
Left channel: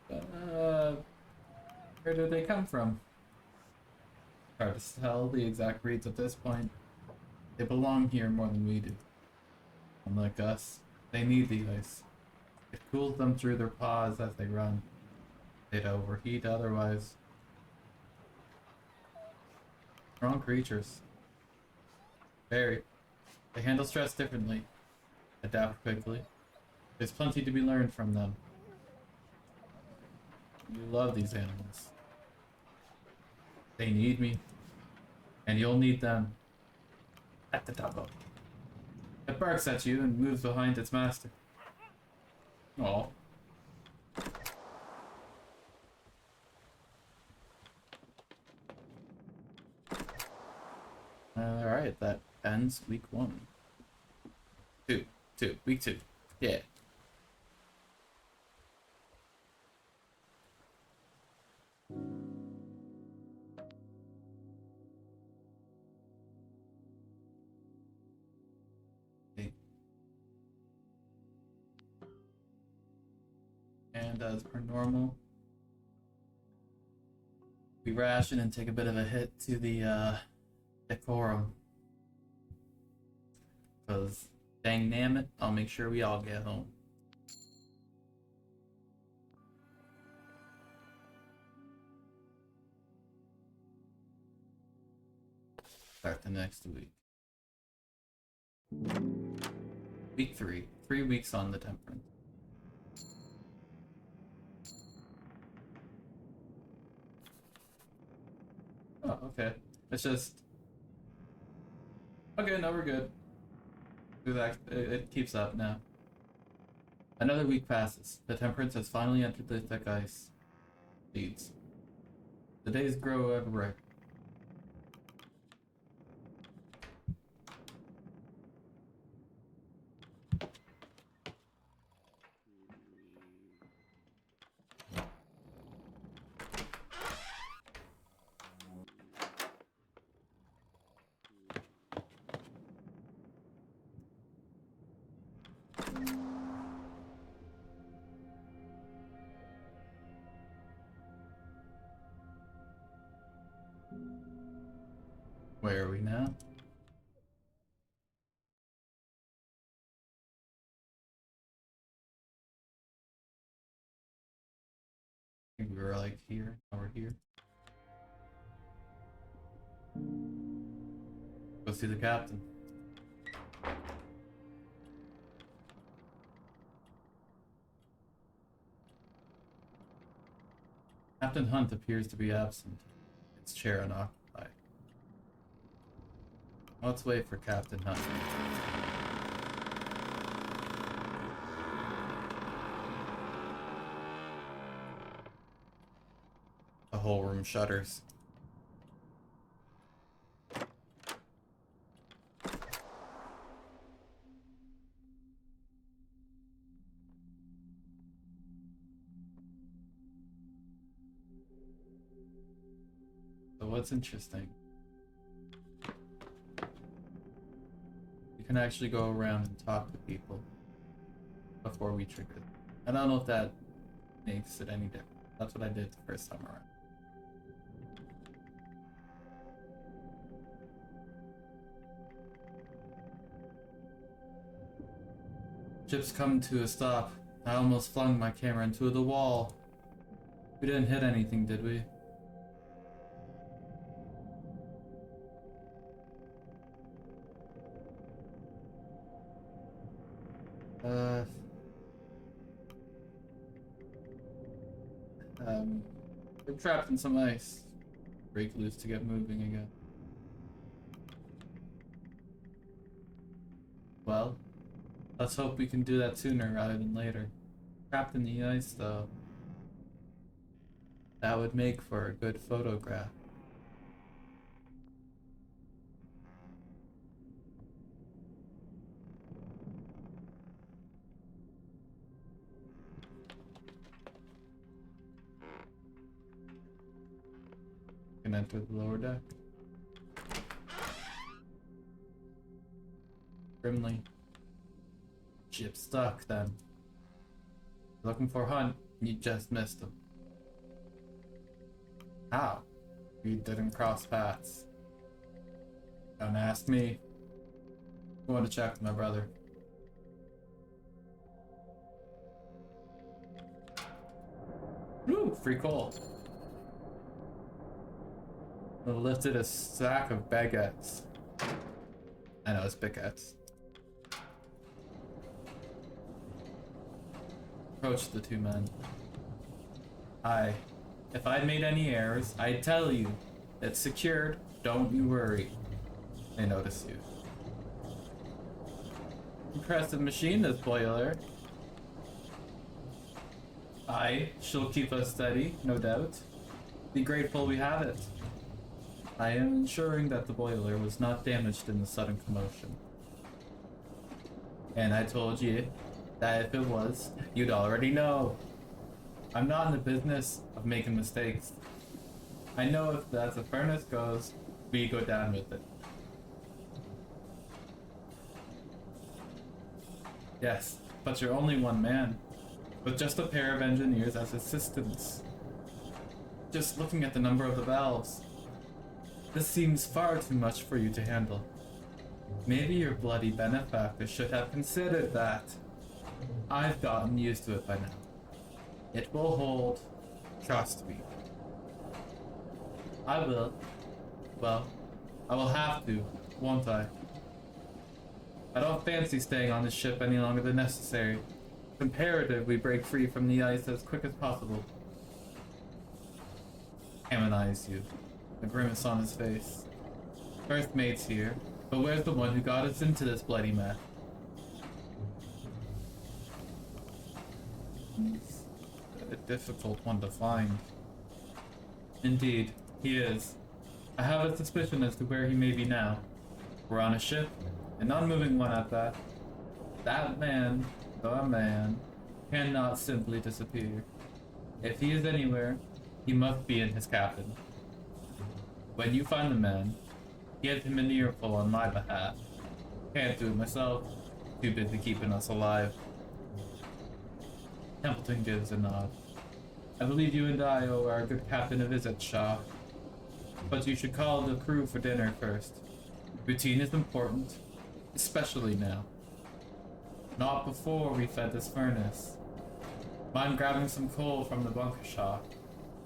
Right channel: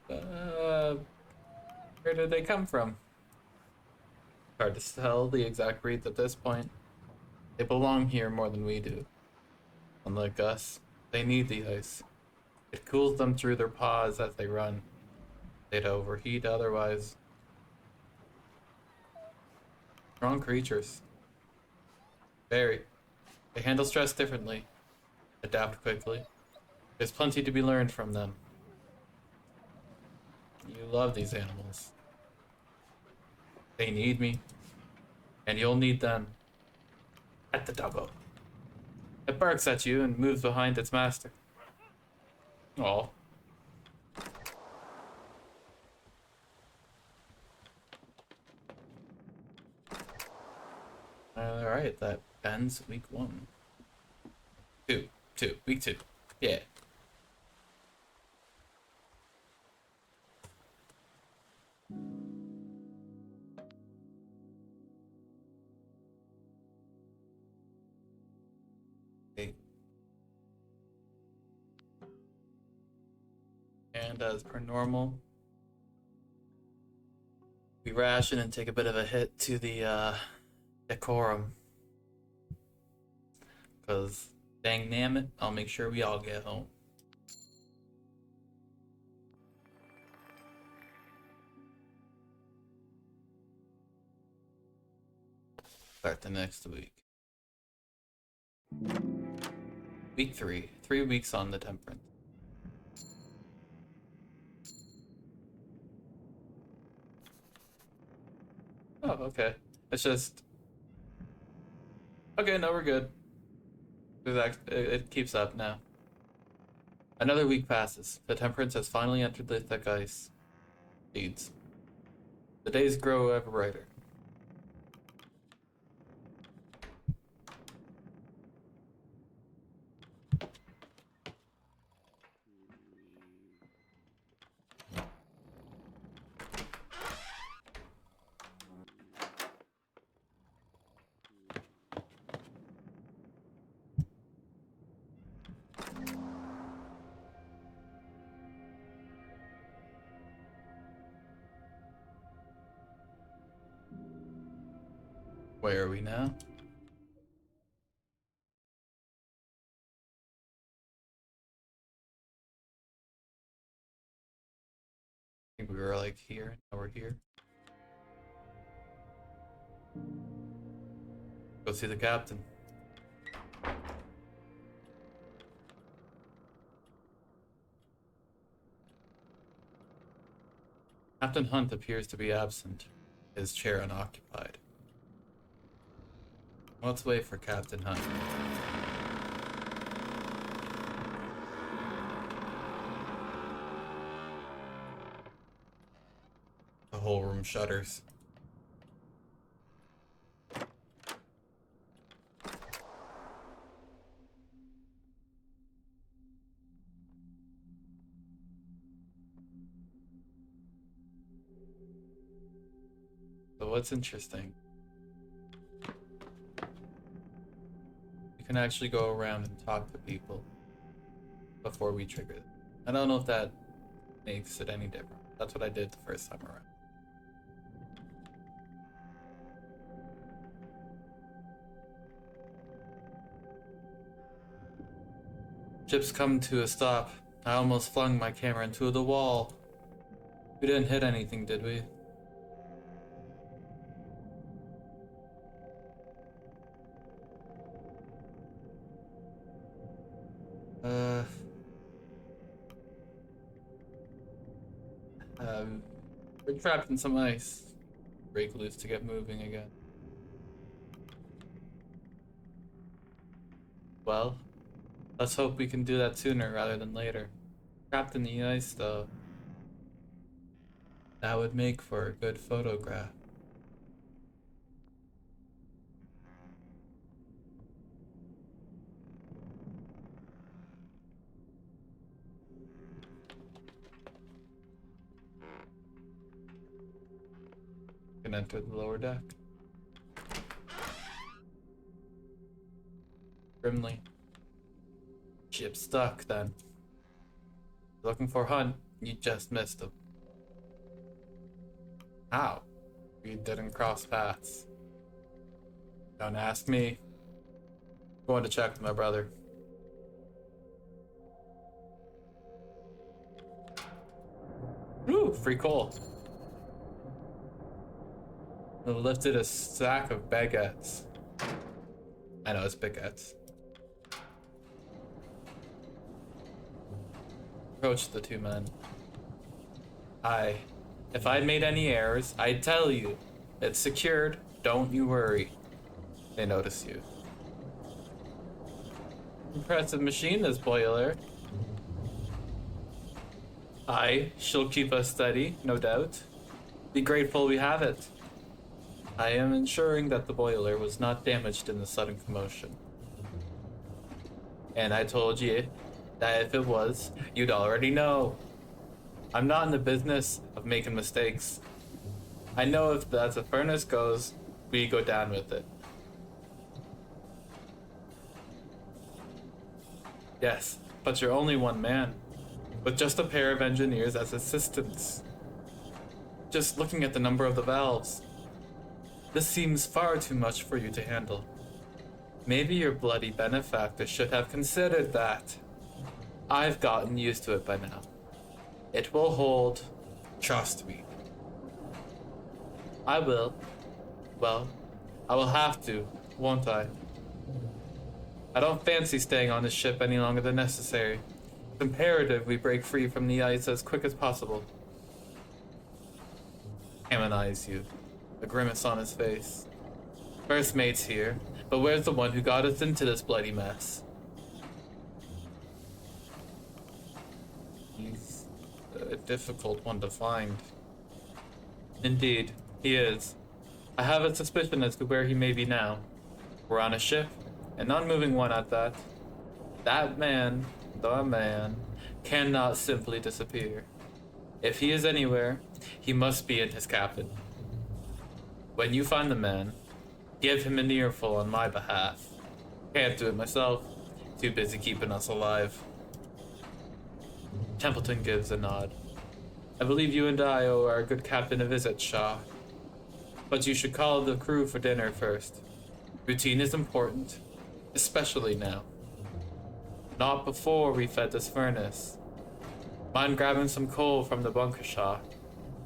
Where did they come from? Hard to tell the exact breeds at this point. They belong here more than we do. Unlike us, they need the ice. It cools them through their paws as they run. They'd overheat otherwise. Strong creatures. Very. They handle stress differently. Adapt quickly. There's plenty to be learned from them. You love these animals. They need me. And you'll need them. At the doggo. It barks at you and moves behind its master. Aw. Alright, that ends week 1. Week 2. Yeah. Okay. And as per normal, we ration and take a bit of a hit to the decorum. Because, dang damn it, I'll make sure we all get home. Start the next week. Week 3. 3 weeks on the temperance. Oh, okay. It's just... Okay, no, we're good. It keeps up now. Another week passes. The temperance has finally entered the thick ice. Feeds. The days grow ever brighter. Where are we now? I think we were like here. Now we're here. Go see the captain. Captain Hunt appears to be absent, his chair unoccupied. Let's wait for Captain Hunt. The whole room shudders. So what's interesting? You can actually go around and talk to people before we trigger it. I don't know if that makes it any different. That's what I did the first time around. Ship's come to a stop. I almost flung my camera into the wall. We didn't hit anything, did we? We're trapped in some ice. Break loose to get moving again. Well, let's hope we can do that sooner rather than later. Trapped in the ice, though. That would make for a good photograph. Can enter the lower deck. Grimly. Ship stuck, then. Looking for Hunt, you just missed him. How? We didn't cross paths. Don't ask me. Going to check with my brother. Ooh, free coal. I lifted a sack of baguettes. I know, it's baguettes. Approached the two men. If I'd made any errors, I'd tell you. It's secured, don't you worry. They notice you. Impressive machine, this boiler. She'll keep us steady, no doubt. Be grateful we have it. I am ensuring that the boiler was not damaged in the sudden commotion. And I told you that if it was, you'd already know. I'm not in the business of making mistakes. I know if that's the furnace goes, we go down with it. Yes, but you're only one man, with just a pair of engineers as assistants. Just looking at the number of the valves, this seems far too much for you to handle. Maybe your bloody benefactor should have considered that. I've gotten used to it by now. It will hold. Trust me. I will. Well, I will have to, won't I? I don't fancy staying on this ship any longer than necessary. It's imperative we break free from the ice as quick as possible. Hammond eyes you, a grimace on his face. First mate's here, but where's the one who got us into this bloody mess? He's a difficult one to find. Indeed, he is. I have a suspicion as to where he may be now. We're on a ship, an unmoving one at that. That man, the man, cannot simply disappear. If he is anywhere, he must be in his cabin. When you find the man, give him an earful on my behalf. Can't do it myself. Too busy keeping us alive. Templeton gives a nod. I believe you and I owe our good captain a visit, Shaw. But you should call the crew for dinner first. Routine is important, especially now. Not before we fed this furnace. Mind grabbing some coal from the bunker, Shaw?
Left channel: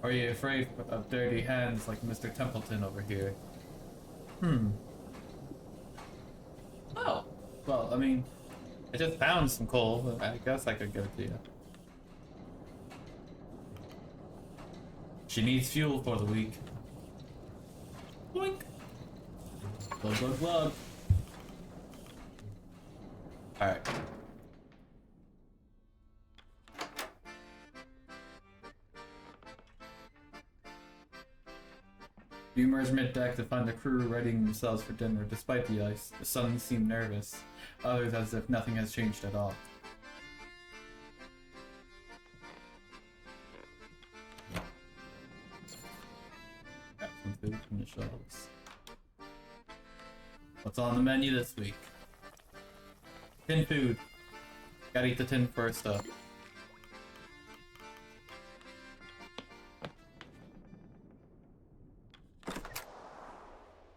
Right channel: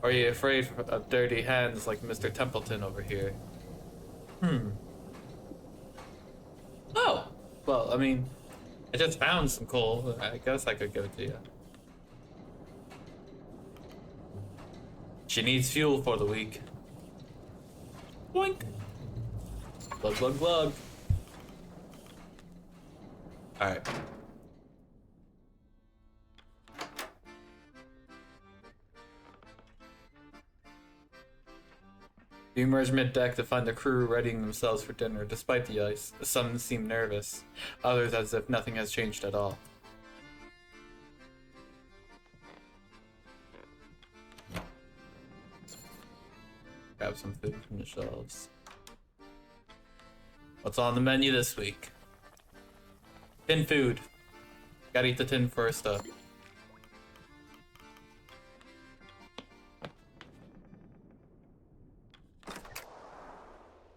Or are you afraid of dirty hands like Mr. Templeton over here? Oh, well, I mean, I just found some coal. I guess I could give it to you. She needs fuel for the week. Boink. Glug, glug, glug. Alright. You emerge mid-deck to find the crew readying themselves for dinner. Despite the ice, some seem nervous, others as if nothing has changed at all. Grab some food from the shelves. What's on the menu this week? Tin food. Gotta eat the tin first up.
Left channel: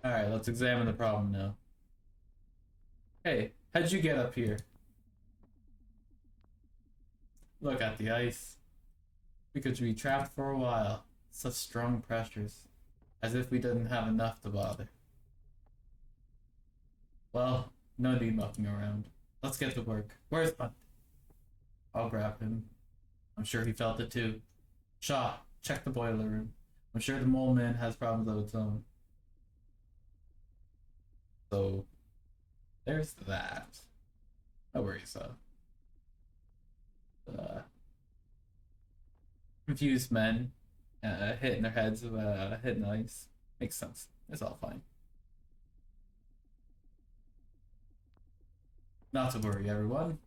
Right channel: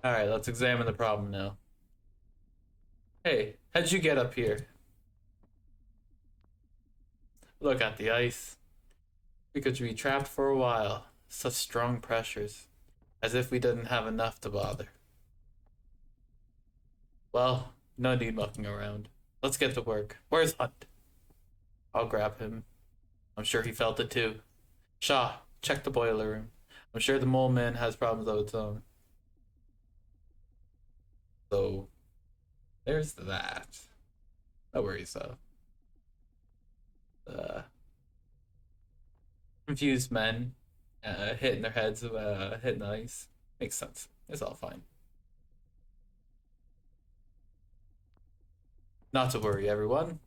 Alright, let's examine the problem now. Hey, how'd you get up here? Look at the ice. We could be trapped for a while. Such strong pressures. As if we didn't have enough to bother. Well, no need mucking around. Let's get to work. Where's Hunt? I'll grab him. I'm sure he felt it too. Shaw, check the boiler room. I'm sure the mole man has problems of its own. So, there's that. No worries though. Confused men hitting their heads, hitting the ice. Makes sense. It's all fine. Not to worry, everyone.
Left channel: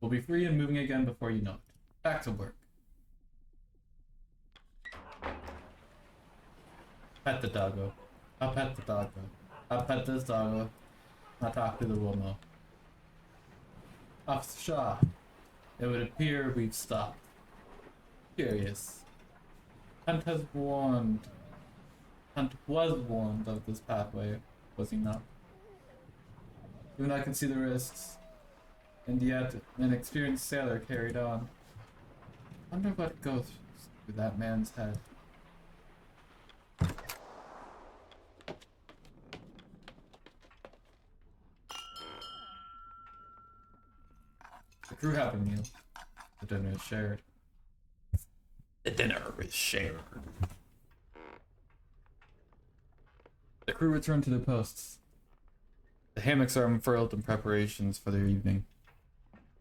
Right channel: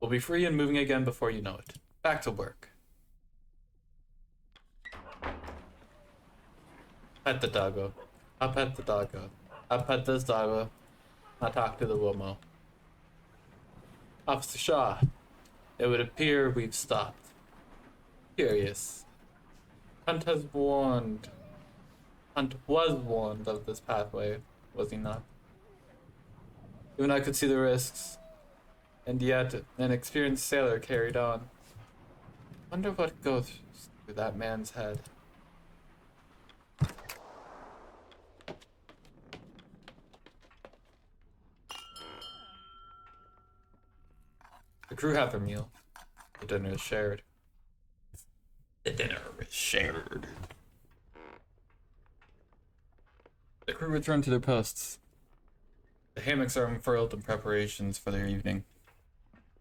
We'll be free and moving again before you know it. Back to work. Pet the doggo. I'll pet the doggo. I'll pet this doggo. I'll talk to the womo. Officer Shaw, it would appear we've stopped. Curious. Hunt was warned of this pathway, was he not? Even I could see the risks, and yet an experienced sailor carried on. Wonder what goes through that man's head. The crew have their meal. The dinner is shared. The dinner is shared. The crew return to their posts. The hammocks are unfurled in preparations for their evening.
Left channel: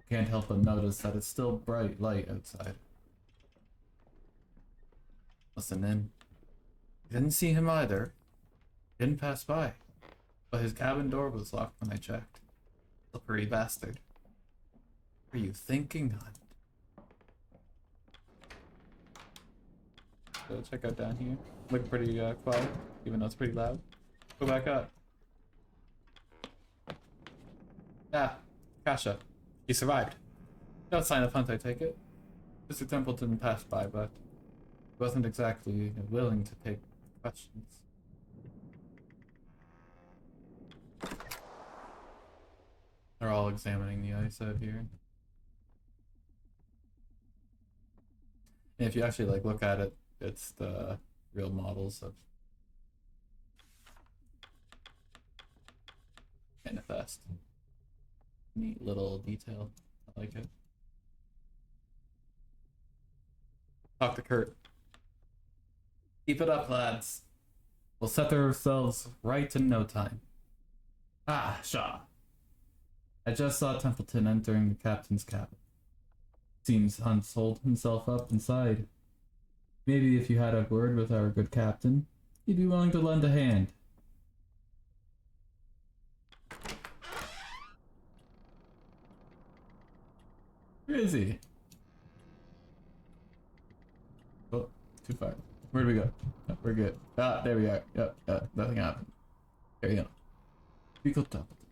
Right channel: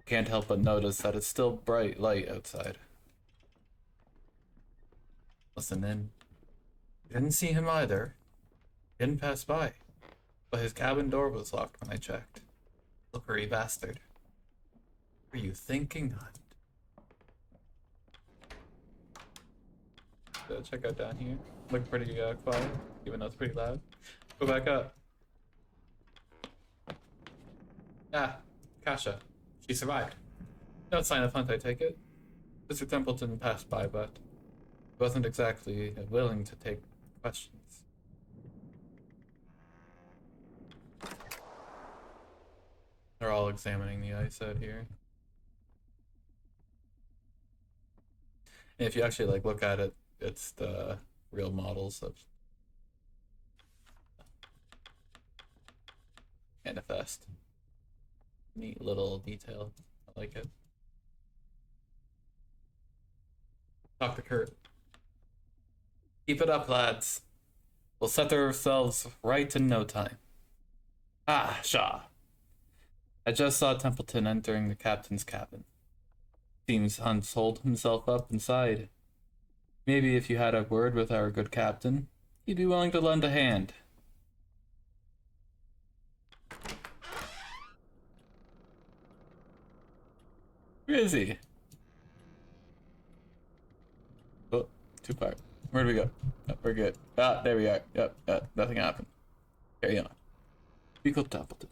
Can't help but notice that it's still bright light outside. Listen in. Didn't see him either. Didn't pass by. But his cabin door was locked when I checked. Slippery bastard. What are you thinking, Hunt? Check out down here. Look pretty quiet, even though it's pretty loud. Go back up. Ah, Kasha. She survived. No sign of Hunt, I take it. Mr. Templeton passed by, but he wasn't exactly willing to take questions. They're all examining the ice out here. And if you actually look at it, it's the real models of Manifest. Neat little detail. I like it. Talk to Kurt. Keep it up, lads. We'll set ourselves right in no time. Ah, Shaw. I just saw Templeton entering the captain's cabin. Seems Hunt holed himself up inside. Maybe if you had a word with our good captain, he'd be willing to lend a hand. Where is he? Oh, too far. Where do we go? Oh, we're good. Ah, there we are. Yep, nothing happened. Carry on. Beagle Templeton.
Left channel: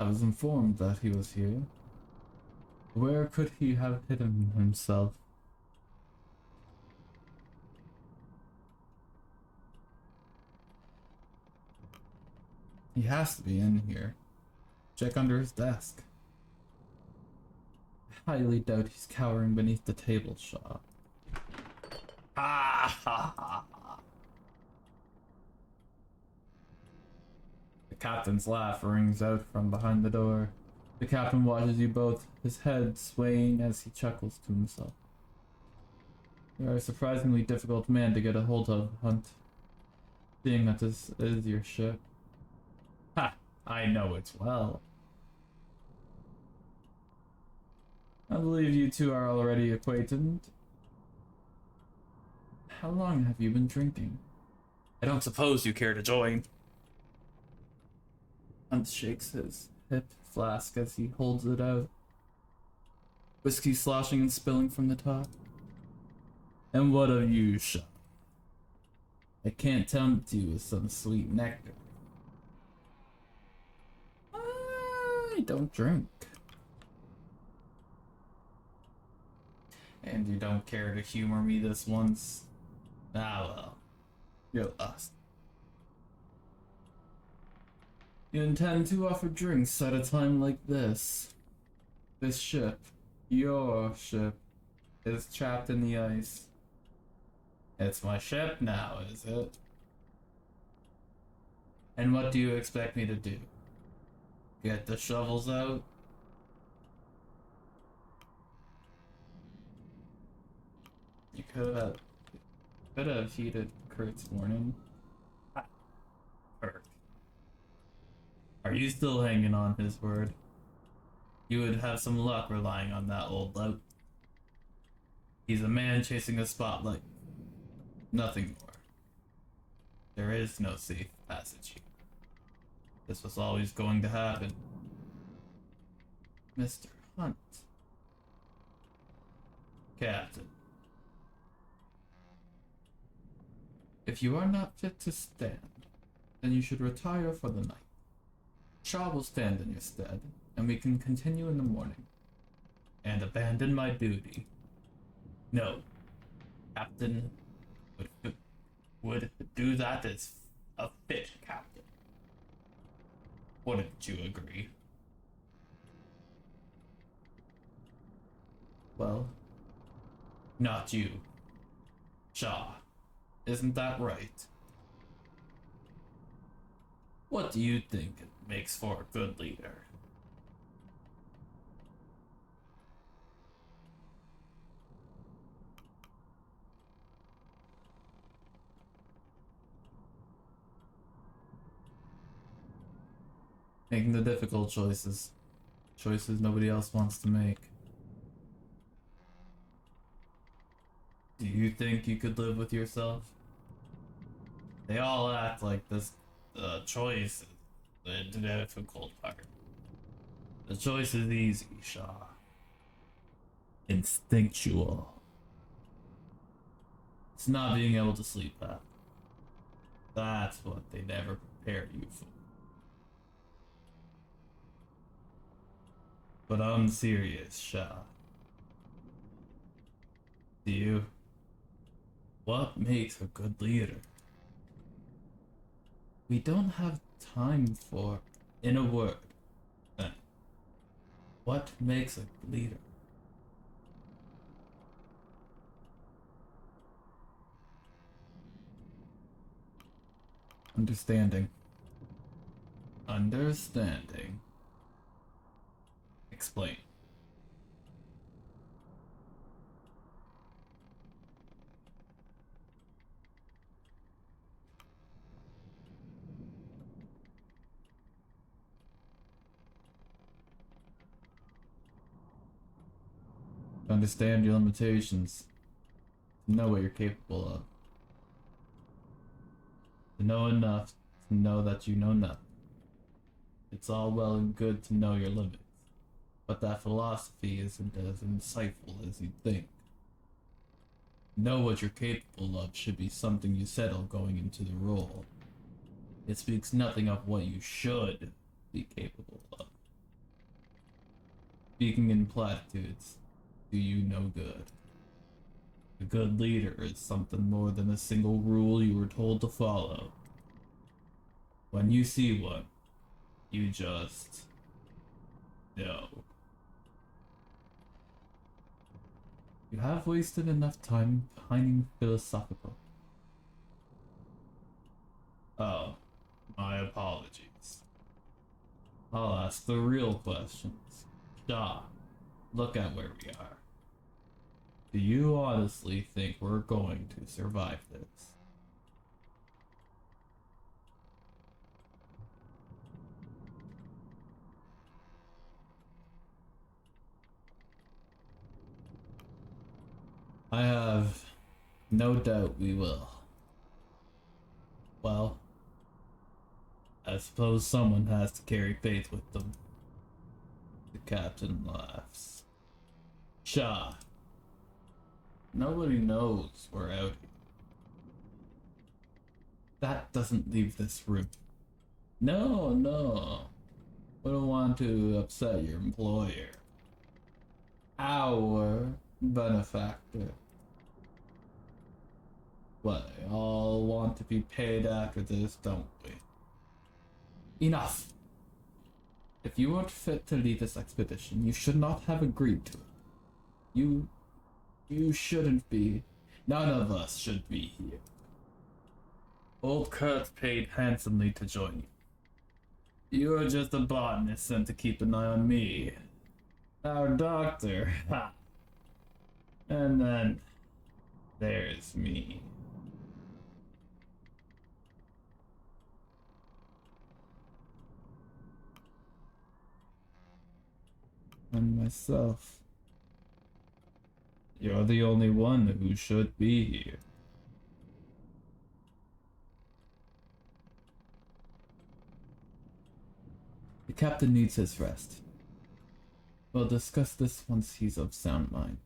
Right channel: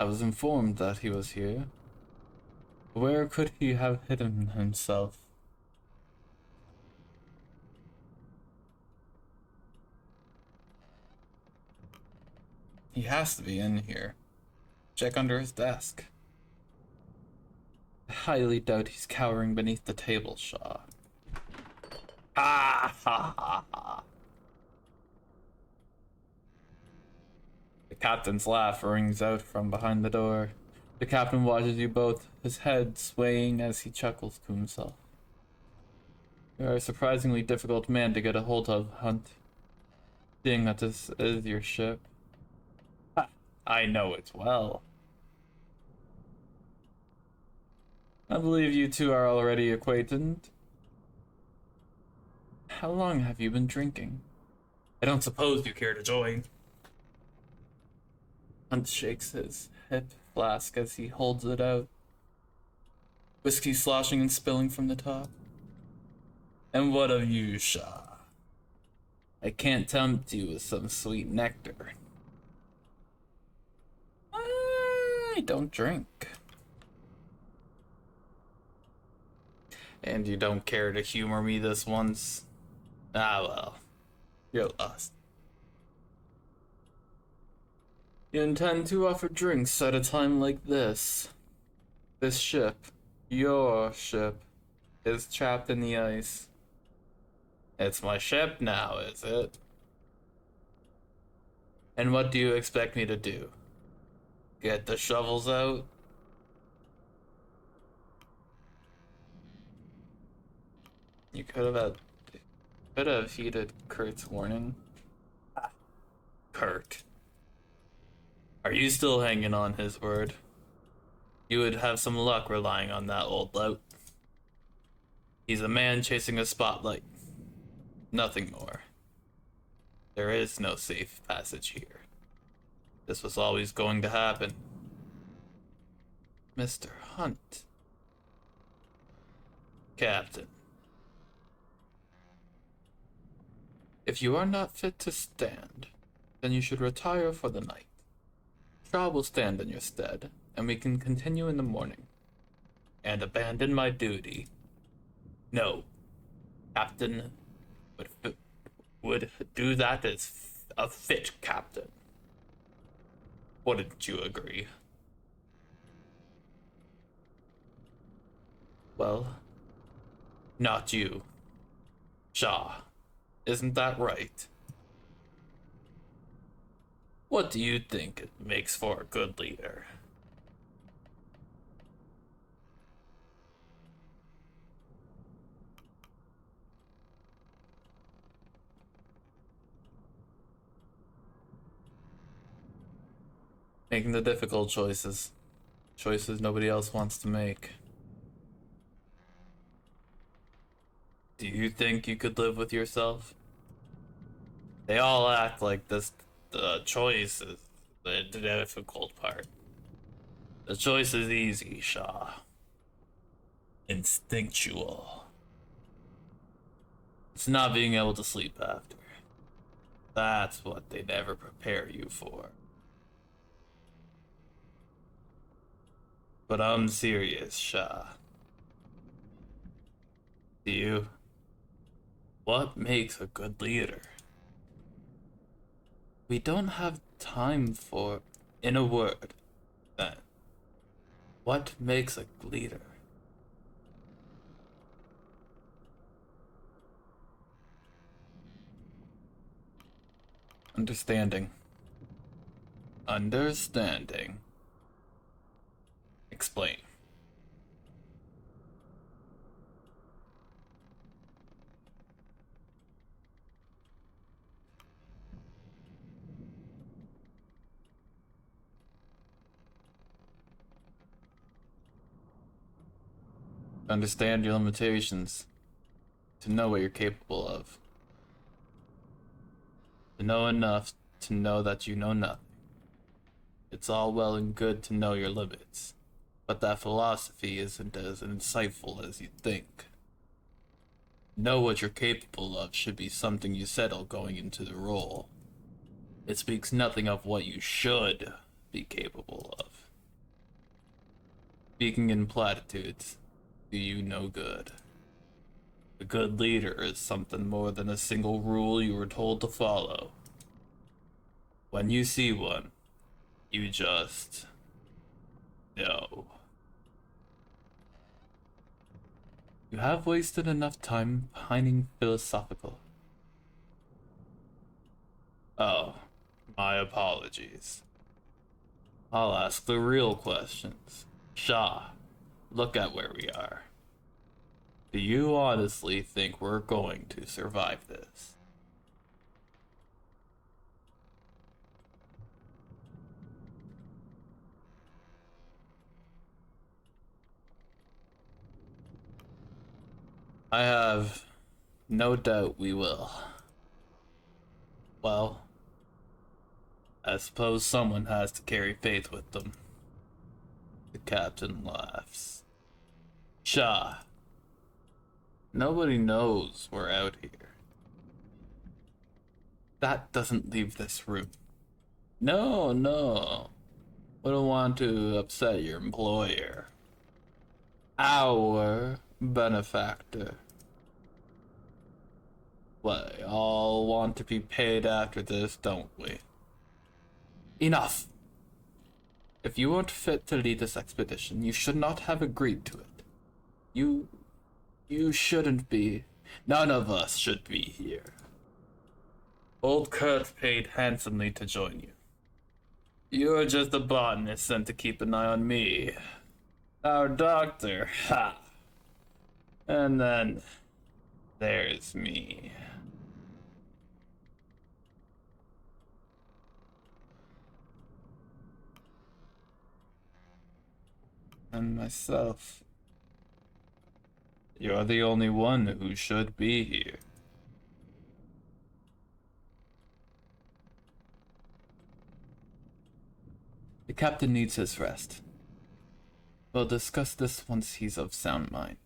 I was informed that he was here. Where could he have hidden himself? He has to be in here. Check under his desk. I highly doubt he's cowering beneath the table, Shaw. Ah ha ha ha. The captain's laugh rings out from behind the door. The captain watches you both, his head swaying as he chuckles to himself. You're a surprisingly difficult man to get a hold of, Hunt. Seeing that this is your ship. Ha! I know it well. I believe you two are already acquainted. How long have you been drinking? I don't suppose you care to join. Hunt shakes his hip flask as he holds it out. Whiskey sloshing and spilling from the top. And what of you, Shaw? I can't tempt you with some sweet nectar. I don't drink. And you don't care to humor me this once? Ah well, you're lost. You intend to offer drinks at a time like this? This ship, your ship, is trapped in the ice. It's my ship now, is it? And what do you expect me to do? Get the shovels out? You could have heeded Kurt's warning. Ah, Kurt. Are you still hanging on his word? You would have some luck relying on that old lout. He's a man chasing a spotlight. Nothing more. There is no safe passage here. This was always going to happen. Mr. Hunt. Captain. If you are not fit to stand, then you should retire for the night. Shaw will stand in your stead, and we can continue in the morning. And abandon my duty. No. Captain would do that as a fit captain. Wouldn't you agree? Well, not you. Shaw. Isn't that right? What do you think it makes for a good leader? Making the difficult choices. Choices nobody else wants to make. Do you think you could live with yourself? They all act like this choice is the difficult part. The choice is easy, Shaw. Instinctual. It's not being able to sleep after. That's what they never prepare you for. But I'm serious, Shaw. Do you? What makes a good leader? We don't have time for, in a word, then. What makes a leader? Understanding. Understanding. Explain. Understand your limitations. To know what you're capable of. To know enough to know that you know nothing. It's all well and good to know your limits, but that philosophy isn't as insightful as you'd think. Know what you're capable of should be something you settle going into the role. It speaks nothing of what you should be capable of. Speaking in platitudes, do you no good. A good leader is something more than a single rule you were told to follow. When you see one, you just know. You have wasted enough time pining philosophical. Oh, my apologies. I'll ask the real questions. Shaw, look at where we are. Do you honestly think we're going to survive this? I have no doubt we will. Well, I suppose someone has to carry faith with them. The captain laughs. Shaw, nobody knows we're out here. That doesn't leave this room. No, no. Wouldn't want to upset your employer. Our benefactor. We all want to be paid after this, don't we? Enough! If you weren't fit to lead this expedition, you should not have agreed to it. You shouldn't be. None of us should be here. Old Kurt paid handsomely to join you. You're just a botanist sent to keep an eye on me. Our doctor, ha! And then there's me. And myself. You're the only one who should be here. The captain needs his rest. We'll discuss this once he's of sound mind.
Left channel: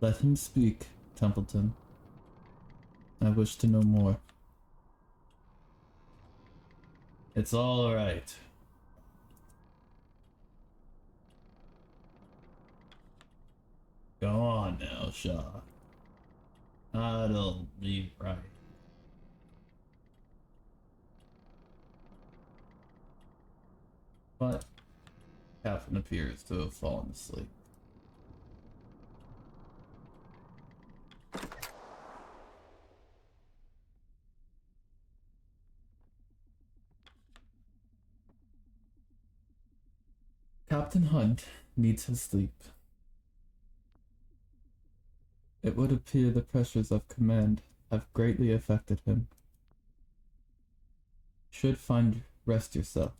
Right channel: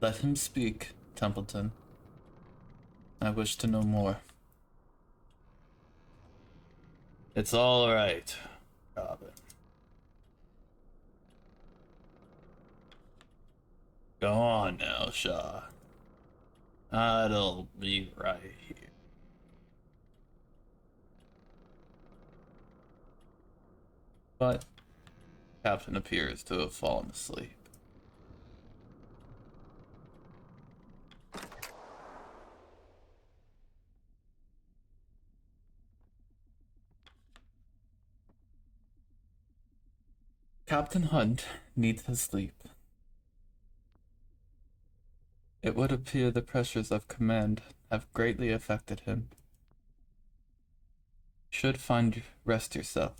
Let him speak, Templeton. I wish to know more. It's all right, Robin. Go on now, Shaw. I'll be right here. But Captain appears to have fallen asleep. Captain Hunt needs his sleep. It would appear the pressures of command have greatly affected him. You should find rest yourself.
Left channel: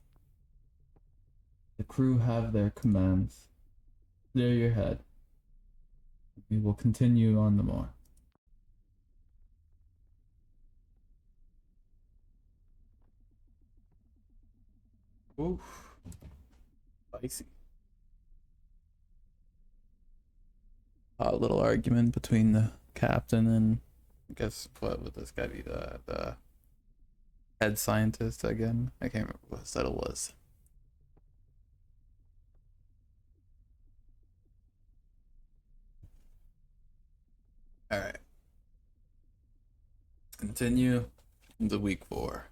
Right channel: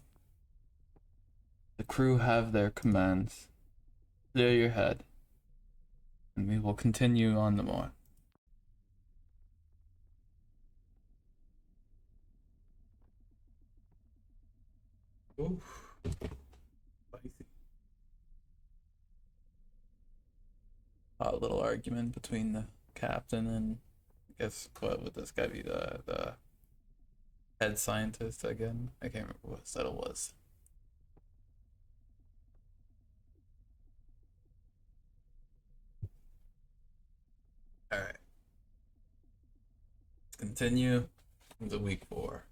The crew have their commands. Clear your head, and we will continue on the more. Oof. Spicy. A little argument between the captain and I guess what would this guy be, the head scientist again? I can't remember what title was. Alright. Let's continue into week 4.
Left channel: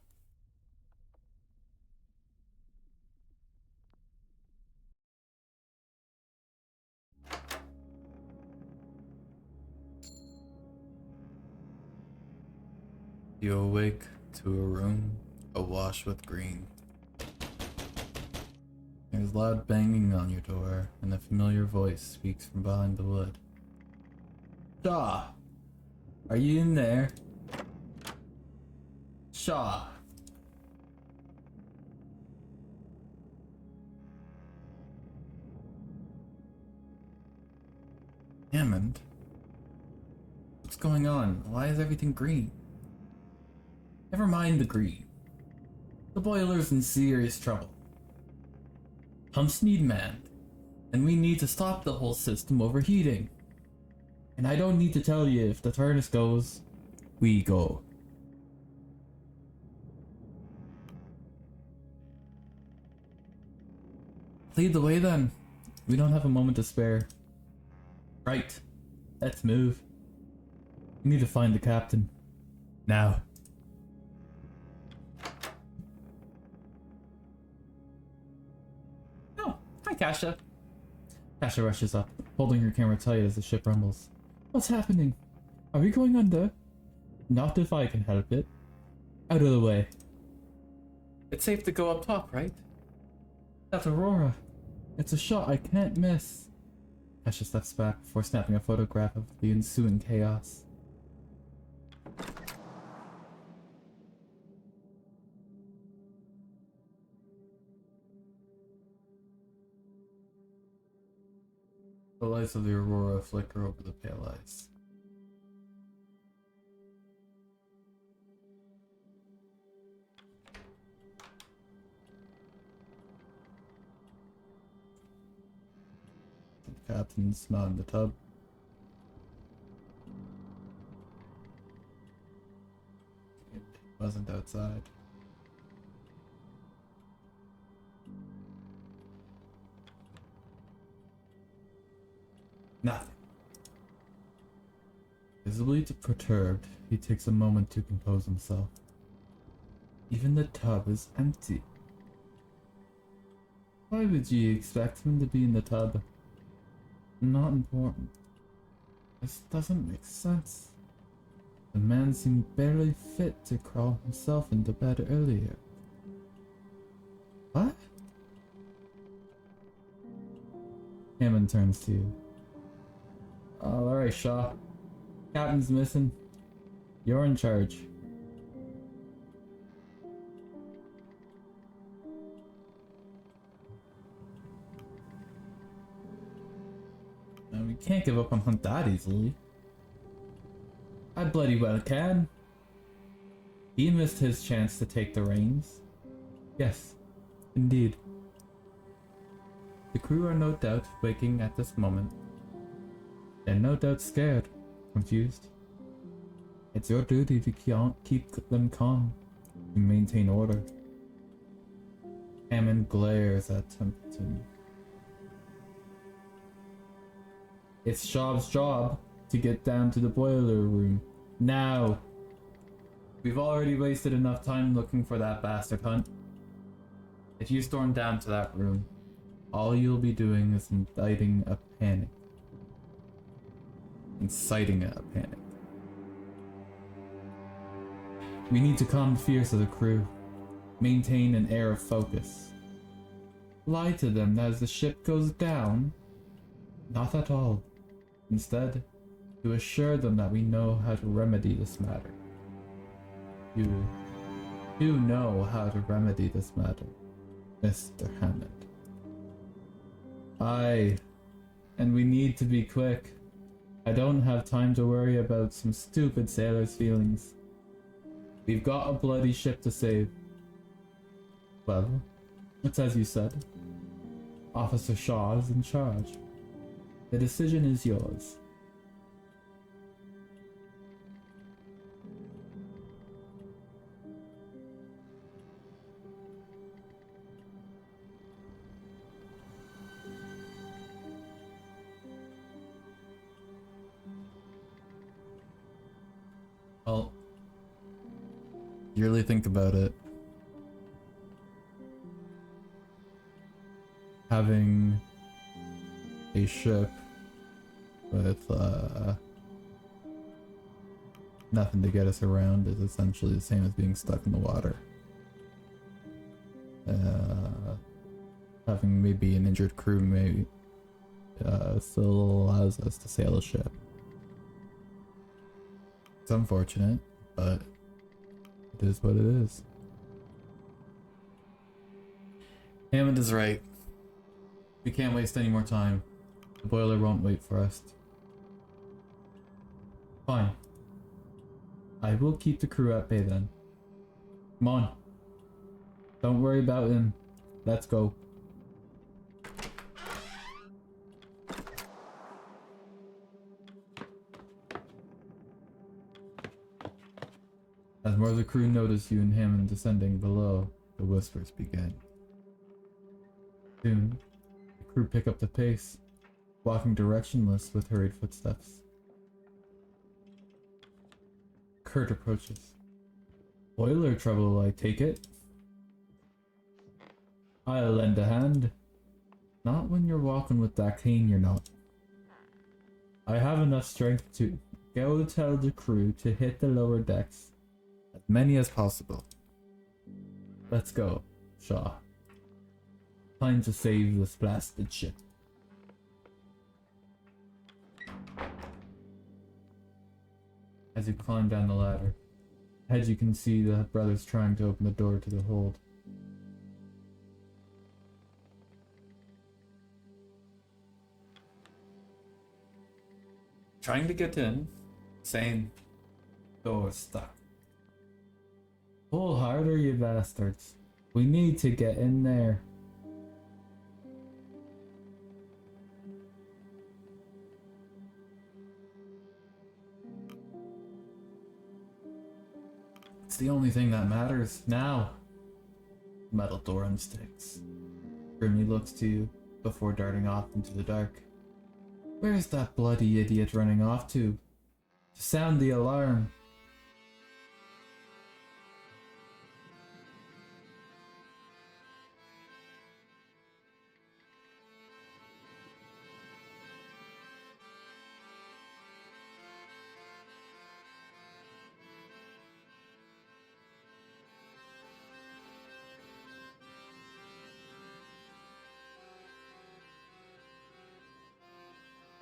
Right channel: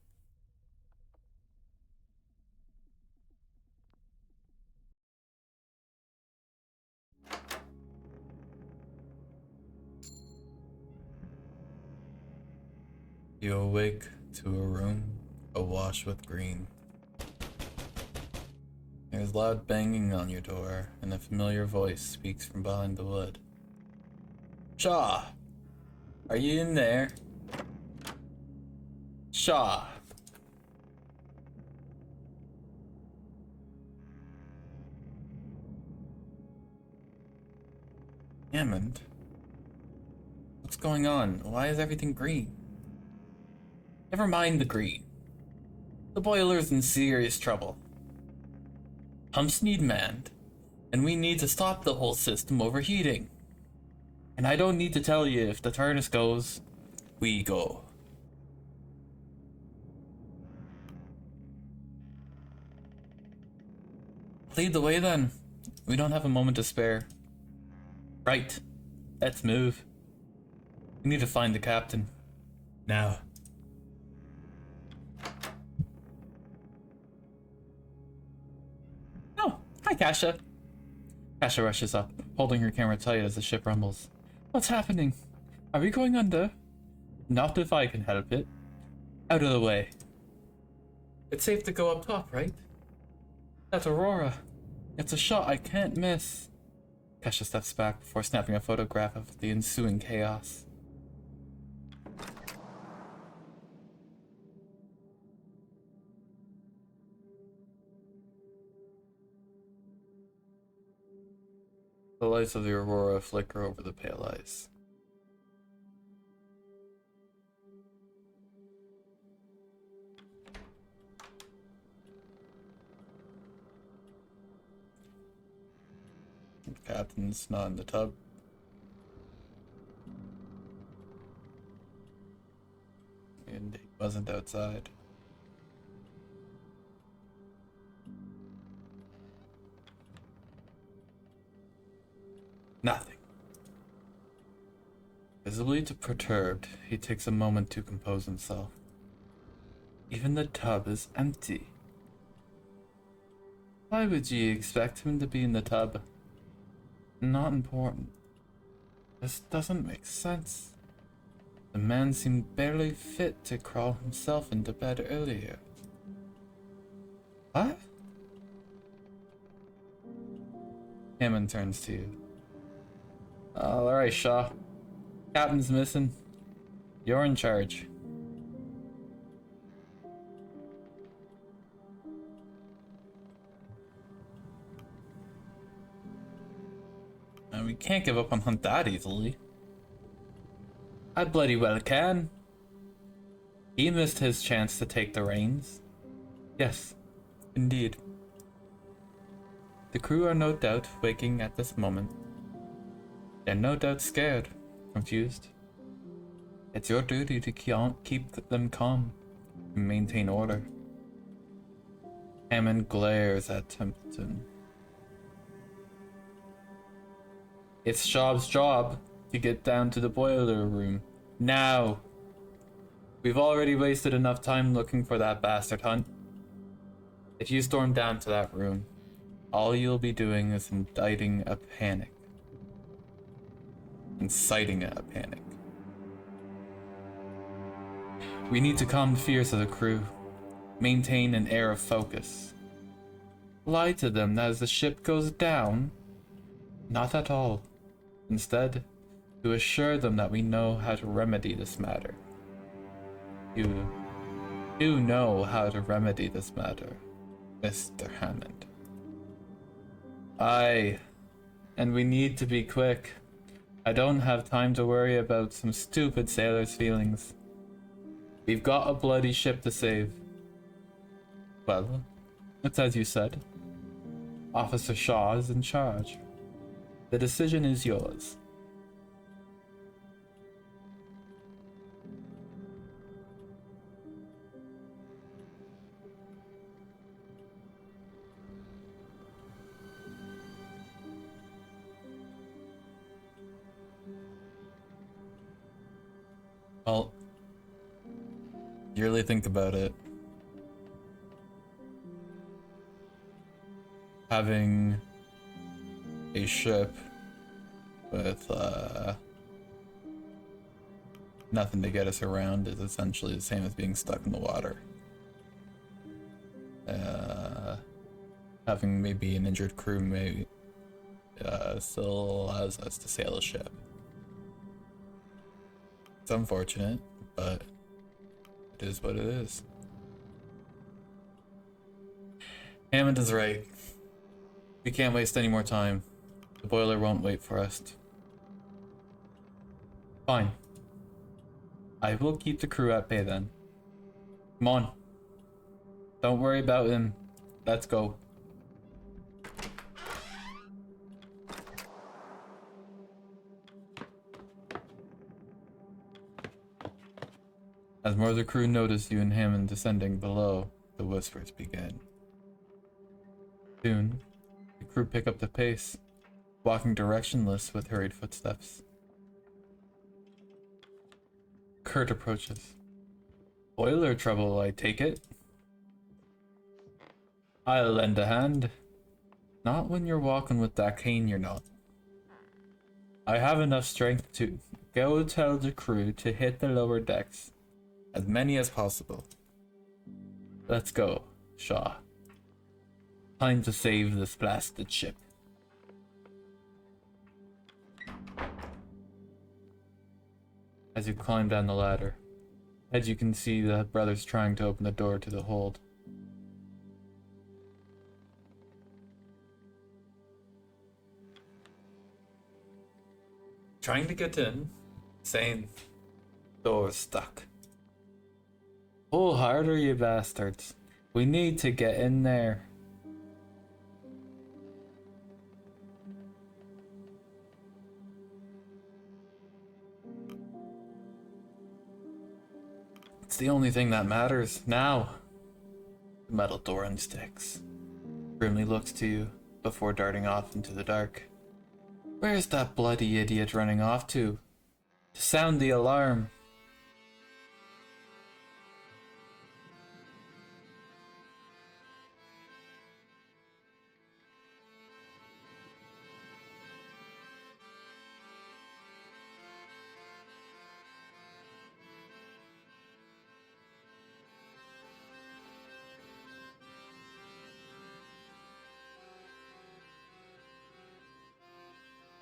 You awake to a room awash with green. There's loud banging on your door, and a familiar voice speaks from behind the wood. Shaw! Are you in there? Shaw! Hammond? What's going on? Why is everything green? Never mind the green. The boiler's in serious trouble. Pumps need manned, and we need to stop the whole system overheating. And I don't need to tell you, if the TARDIS goes, we go. Lead the way then. We don't have a moment to spare. Right. Let's move. We need to find the captain. Now. Oh, hi Kasha. Kasha rushes up, holding her camera tight as the ship rumbles. What's happening? Are we going under? Not if I can help it. Out of the way. It's safe to go up top, right? That's Aurora. It's a shot I can't miss. Kesha steps back before snapping a photograph of the ensuing chaos. The lights of the Aurora flicker over the pale ice. The captain's not in the tub. And he wasn't outside. Nothing. Visibly perturbed, he takes a moment to compose himself. Even the tub is empty. Why would you expect him to be in the tub? Not important. This doesn't make sense. The man seemed barely fit to crawl himself into bed earlier. What? Hammond turns to you. Oh, alright, Shaw. Captain's missing. You're in charge. And we can't give up on Hunt that easily. I bloody well can. He missed his chance to take the reins. Yes, indeed. The crew are no doubt waking at this moment. They're no doubt scared, confused. It's your duty to keep them calm and maintain order. Hammond glares at Templeton. It's Shaw's job to get down to the boiler room. Now! We've already wasted enough time looking for that bastard, Hunt. If you storm down to that room, all you'll be doing is inciting a panic. We need to calm the fears of the crew. Maintain an air of focus. Lie to them that as the ship goes down? Not at all. Instead, to assure them that we know how to remedy this matter. You do know how to remedy this matter, Mr. Hammond. Aye, and we need to be quick. I don't have time to worry about some stupid sailor's feelings. We've got a bloody ship to save. Well, it's as you said. Officer Shaw is in charge. The decision is yours. Well, you really think about it. Having a ship with nothing to get us around is essentially the same as being stuck in the water. Having maybe an injured crew may still allows us to sail a ship. It's unfortunate, but it is what it is. Hammond is right. We can't waste any more time. The boiler won't wait for us. Fine. I will keep the crew at bay then. Come on. Don't worry about him. Let's go. As more of the crew notice you and Hammond descending below, the whispers begin. Soon, the crew pick up the pace, walking directionless with hurried footsteps. Kurt approaches. Boiler trouble, I take it? I'll lend a hand. Not when you're walking with that cane, you're not. I have enough strength to go tell the crew to hit the lower decks. As many as possible. let's go, Shaw. Time to save this blasted ship. As you climb down the ladder, ahead you can see the brothers trying to open the door to the hold. Trying to get in, saying, door's stuck. Pull harder, you bastards. We need to get in there. It's the only thing that matters now. The metal door unsticks. Grimly looks to you before darting off into the dark. Where's that bloody idiot running off to? To sound the alarm.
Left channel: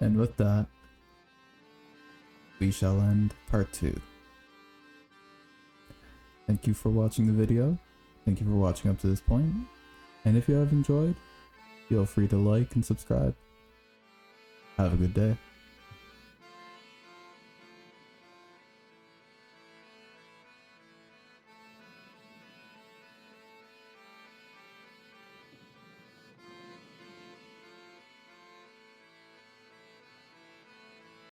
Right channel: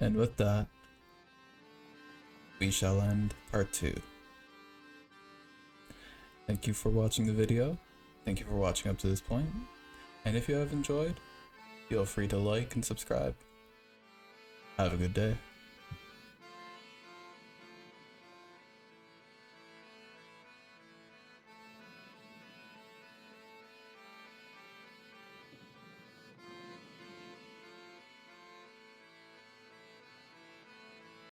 And with that, we shall end part 2. Thank you for watching the video. Thank you for watching up to this point. And if you have enjoyed, feel free to like and subscribe. Have a good day.